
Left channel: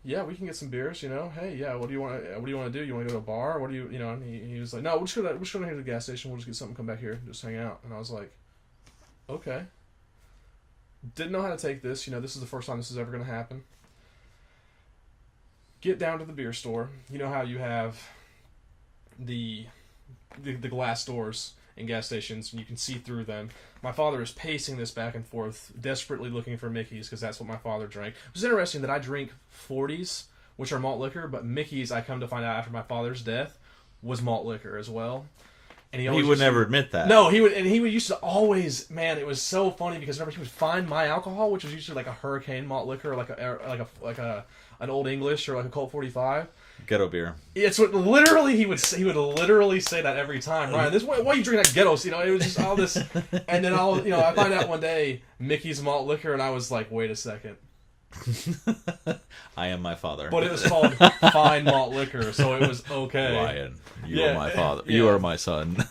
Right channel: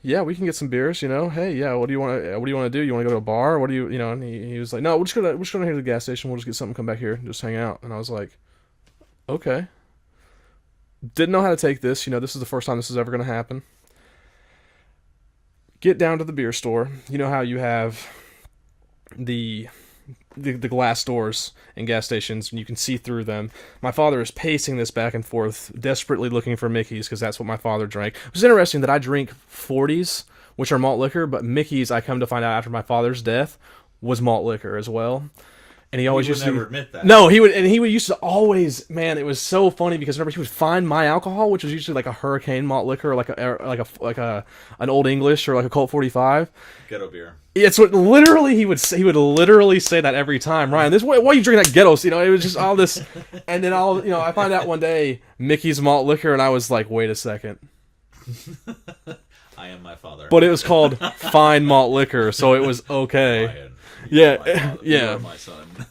yeah, we can get some beers. Hey, yeah, what do you want to do? You want to go to a bar? What do you, And he was like, no, we're just gonna head to the gas station. We'll just get something, come back here, and just hang out. And I was like, okay. Didn't know how to take this. This is the first time this is ever gonna happen. Get down to the beer store. You know how you have the glass doors in gas stations, and you can see through them. My father is pacing this back and forth, desperately looking for Mickey's, because that's what my father drank. It was interesting that I drink 40s, which are malt liquor, but Mickey's, I come to find out after my father's death, was malt liquor as well. And he always would never admit that. No, he would used to always, man, it was so funny because whenever he would find my alcohol, which was usually like a Hurricane malt liquor, or like an Old English or like a Colt 45. Ghetto beer. It's what literally he would literally say that every time. Ryan, why are you drinking that ghettos? It was just all this, and then I find out one day Mickey's malt liquor, and I was like, wait a second. I am my father. But it was called fine malt liquor, so it was okay. Ryan, Yeah, are my father. yeah. You are my son.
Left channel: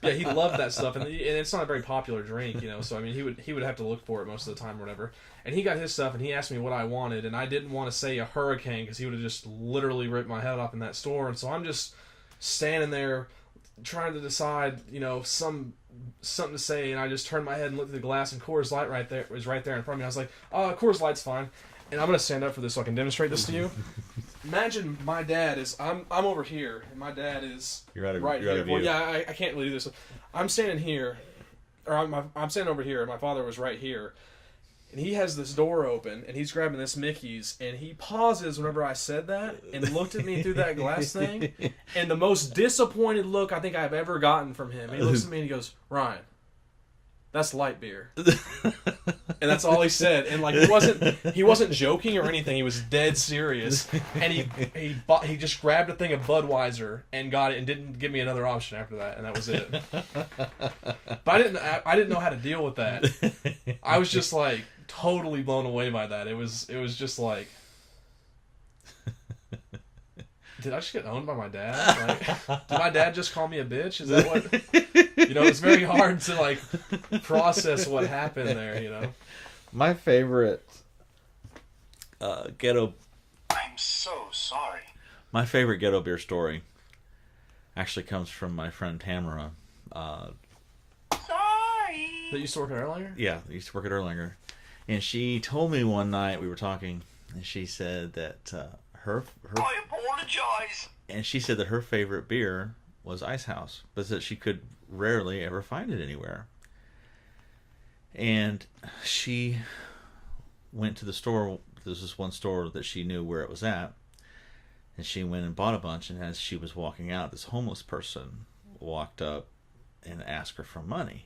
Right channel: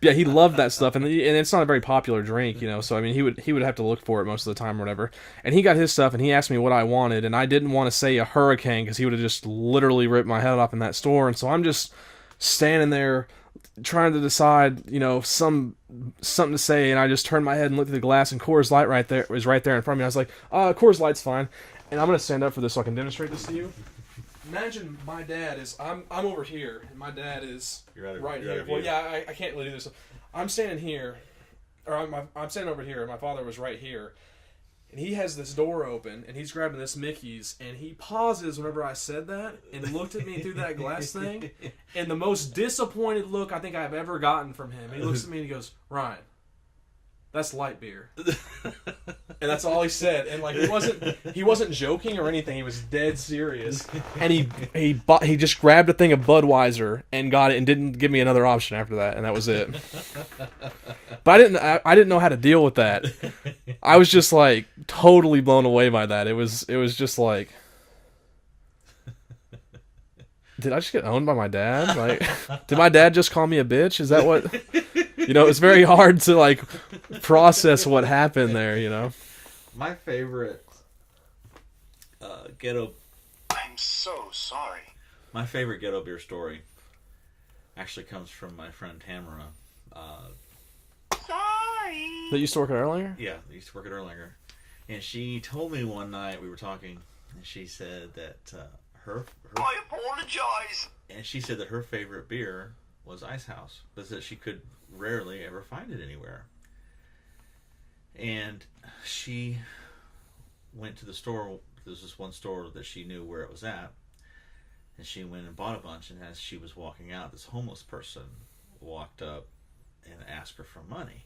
Yeah, he loved that stuff, and it's not a very popular drink, So I mean, he would have to look for it most of the time or whatever. And he got his stuff, and he asked me what I wanted, and I didn't want to say a Hurricane because he would have just literally ripped my head off in that store. And so I'm just standing there trying to decide, something to say, and I just turned my head and looked at the glass, and Coors Light was right there in front of me. I was like, Coors Light's fine. And I'm gonna stand up for this so I can demonstrate this to you. Imagine my dad is I'm over here, and my dad is right here. Well, yeah, I can't really do this. I'm standing here, or I'm standing over here, and my father was right here. And he has this door open, and he's grabbing this Mickey's, and he pauses whenever I said that, and looked at me through that glass thing, and the most disappointed look I think I've ever gotten from him. He looks at me and he goes, "Ryan, that's light beer." And that's all he said. And like he wasn't joking or anything. He was dead serious. And he just grabbed a thing of Budweiser and got it, and didn't give me another option after that. And that was it. But I didn't know how to deal with that. I was just like totally blown away by that. It was just like, did I just get owned by my dad? Like, did my dad just call me a bitch? Is that what? It's very hard to like process what happened there. My favorite ghetto. I'm so sorry. My favorite ghetto beer story actually comes from my friend Tamara. Sorry. That used to work at Erlanger? Yeah, I used to work at Erlanger, and she told me one night we were talking, and she said that her I apologize. and she said that her favorite beer was Ice House, but that she could rarely ever find it anywhere. And she went to the store. There's this one store that she knew where it was at, and she went and bought a bunch. And as she was walking out, this homeless person walked up and asked her for money.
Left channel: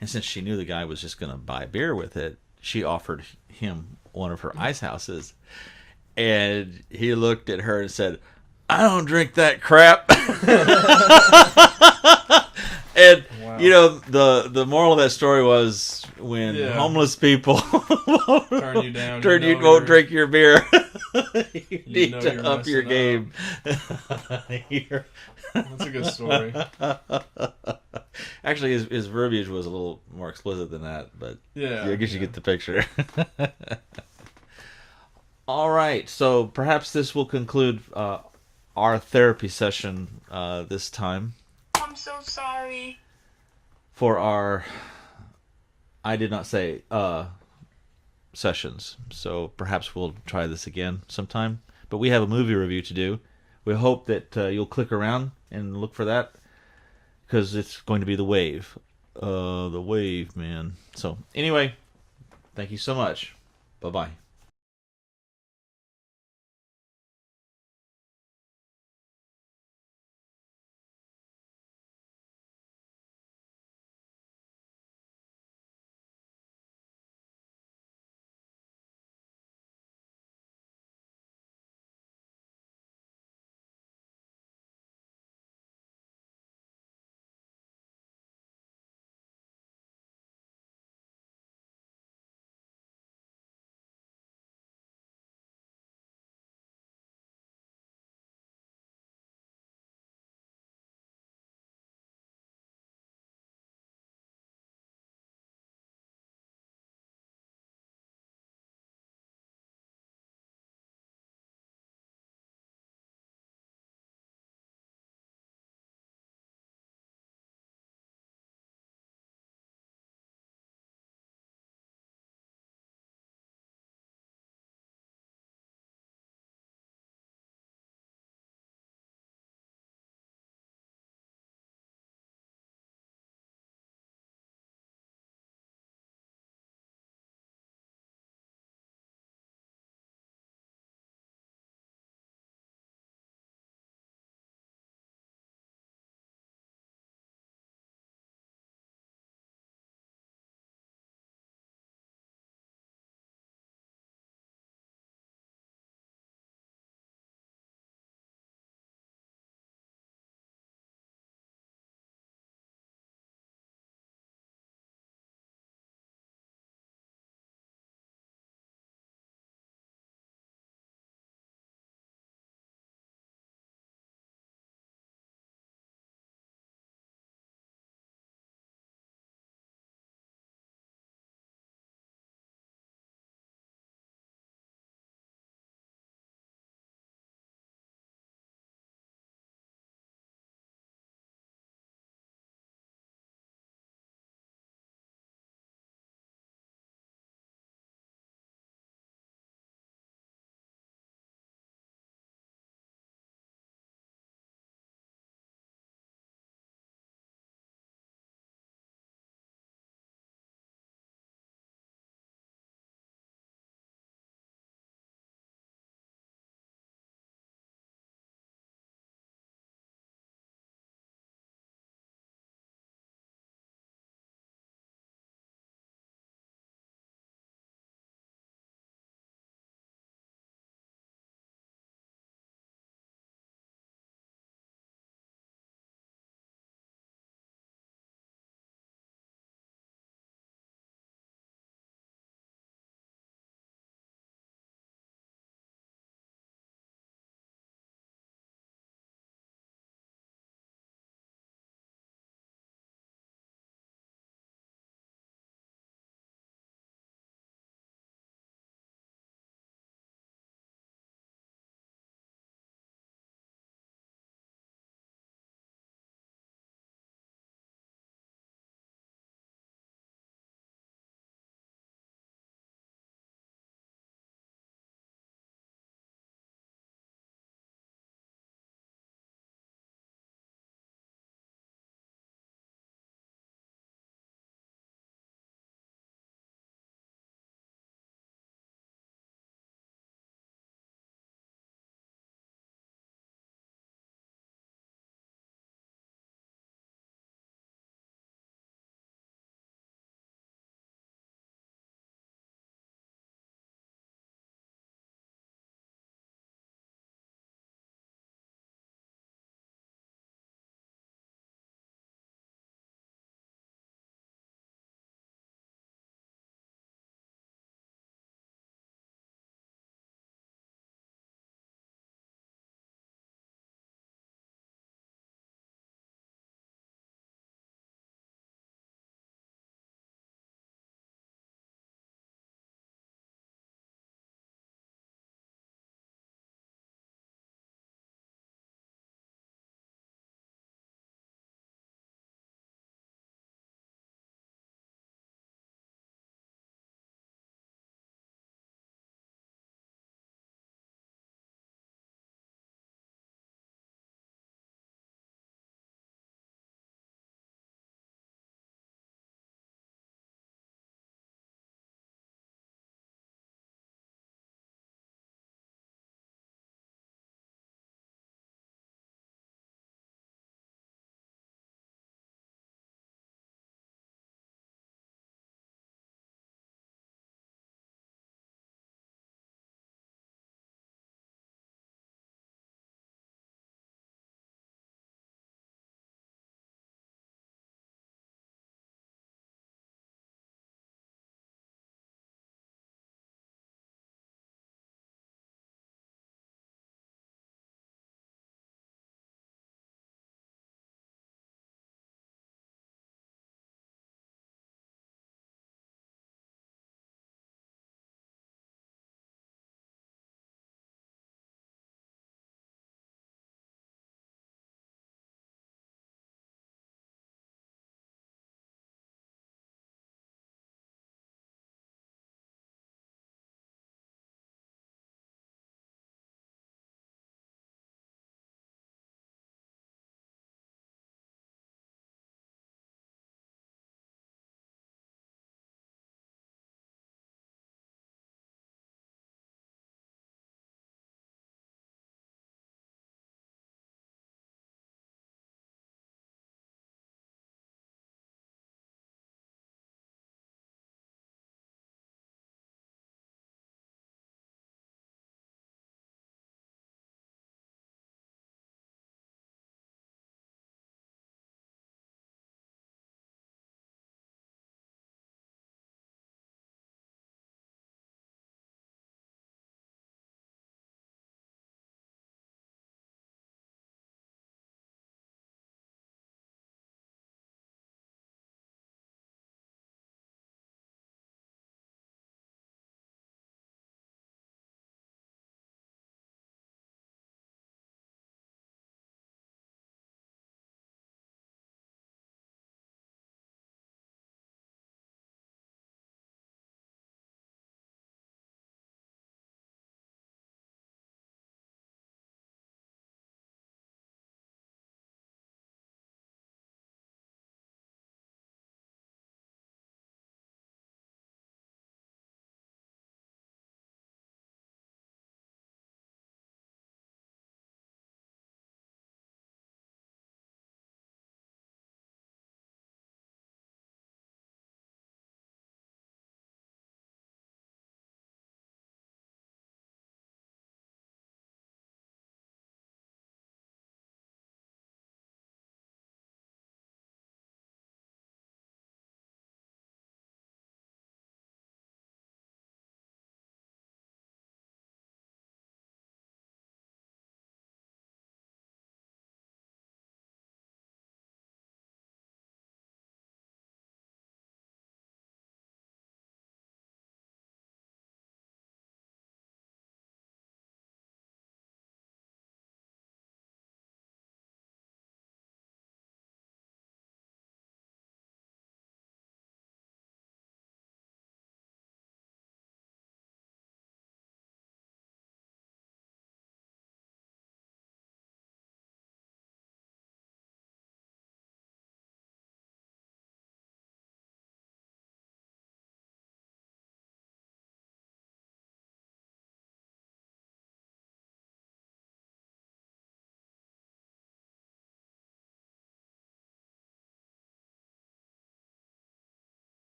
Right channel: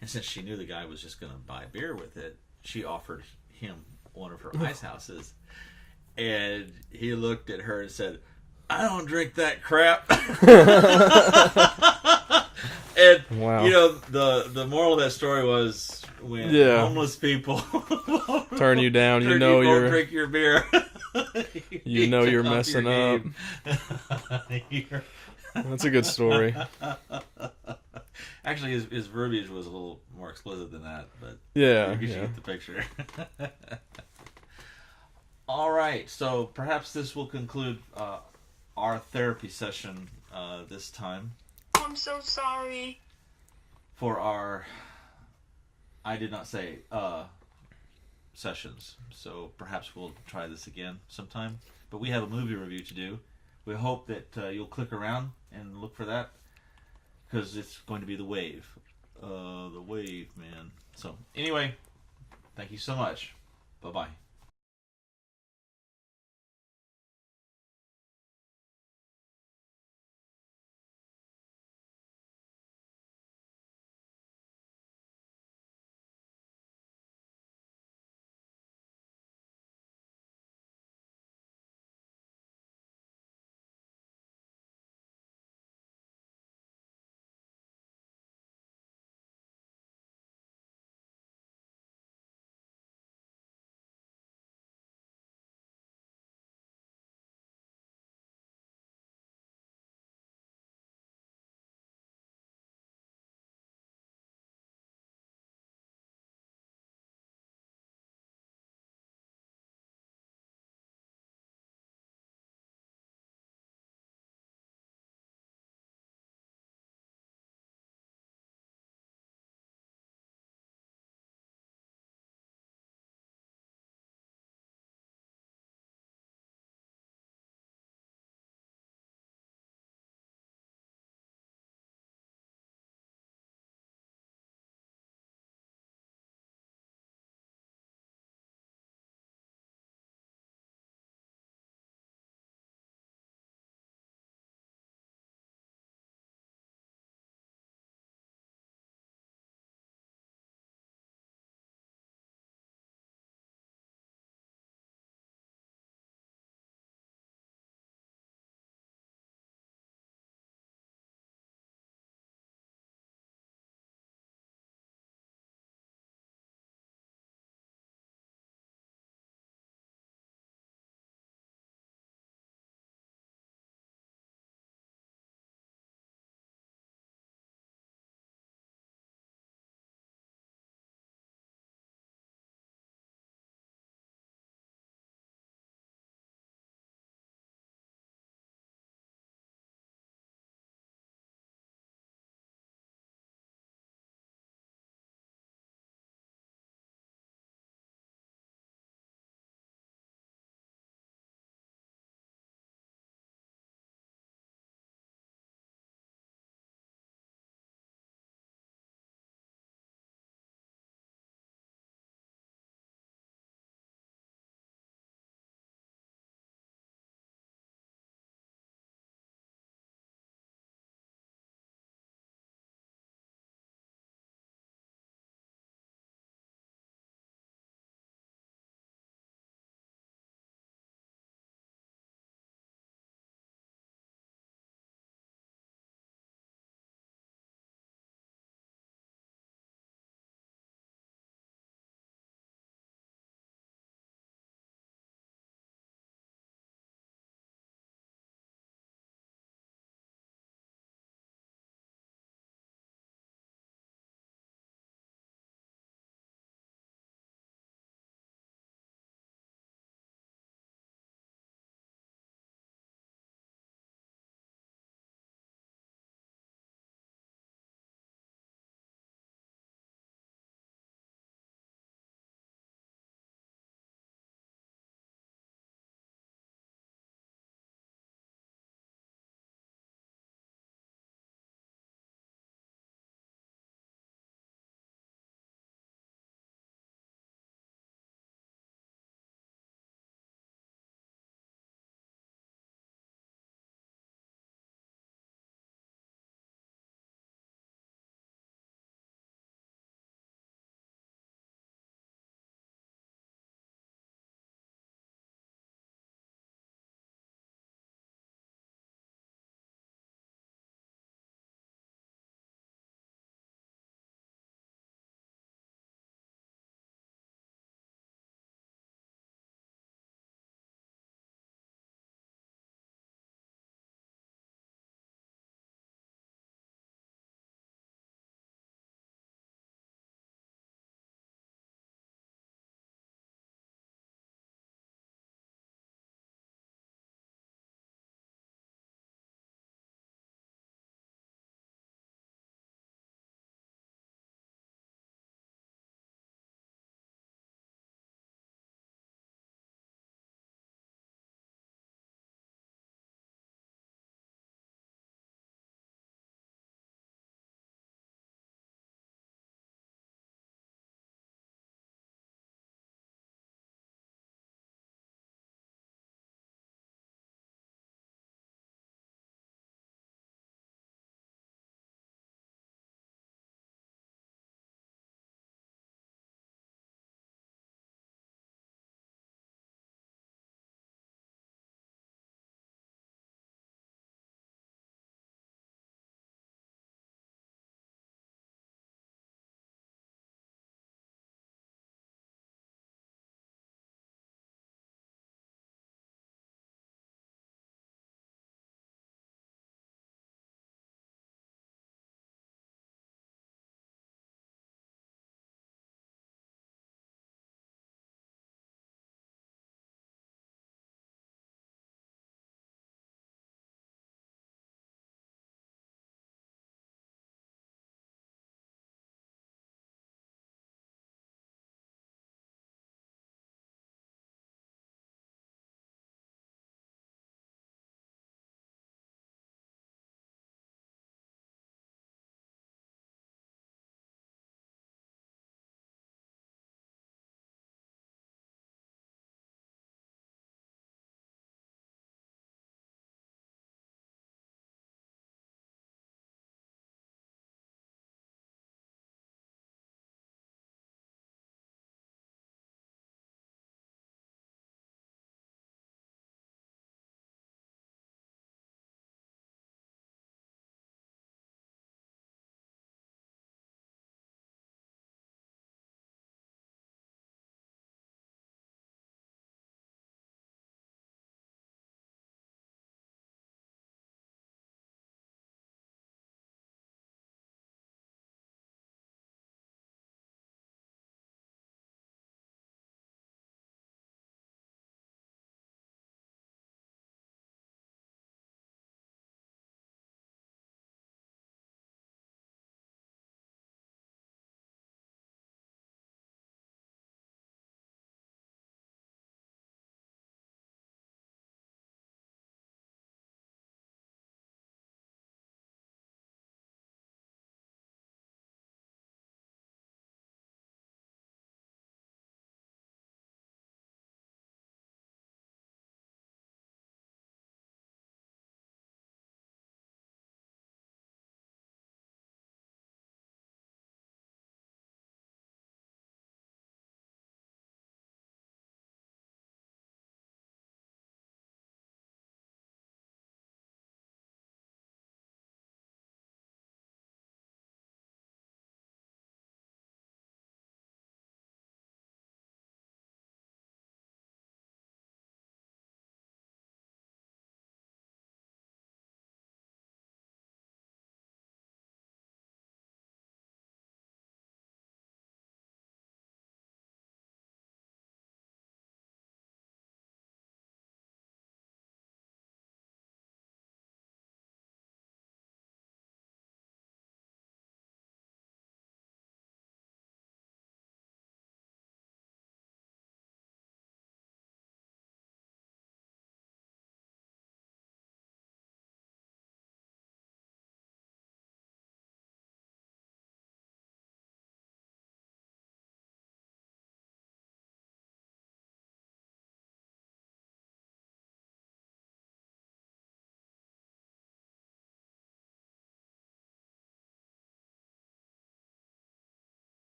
And since she knew the guy was just going to buy beer with it, she offered him one of her Ice Houses. And he looked at her and said, I don't drink that crap. And Wow. you know, the moral of that story was when homeless people Turn you down, turn you you know won't you're- drink your beer. You know you're up your messing game. That's a good story. Actually, his verbiage was a little more explicit than that, but Yeah. I guess you get the picture. All right, so perhaps this will conclude our therapy session this time I'm so sorry. for our I did not say sessions. So perhaps we'll try this again sometime. But we have a movie review to do. We hope that you'll click around and look for that because it's going to be The Wave. The Wave, man. So anyway, thank you so much. Bye-bye.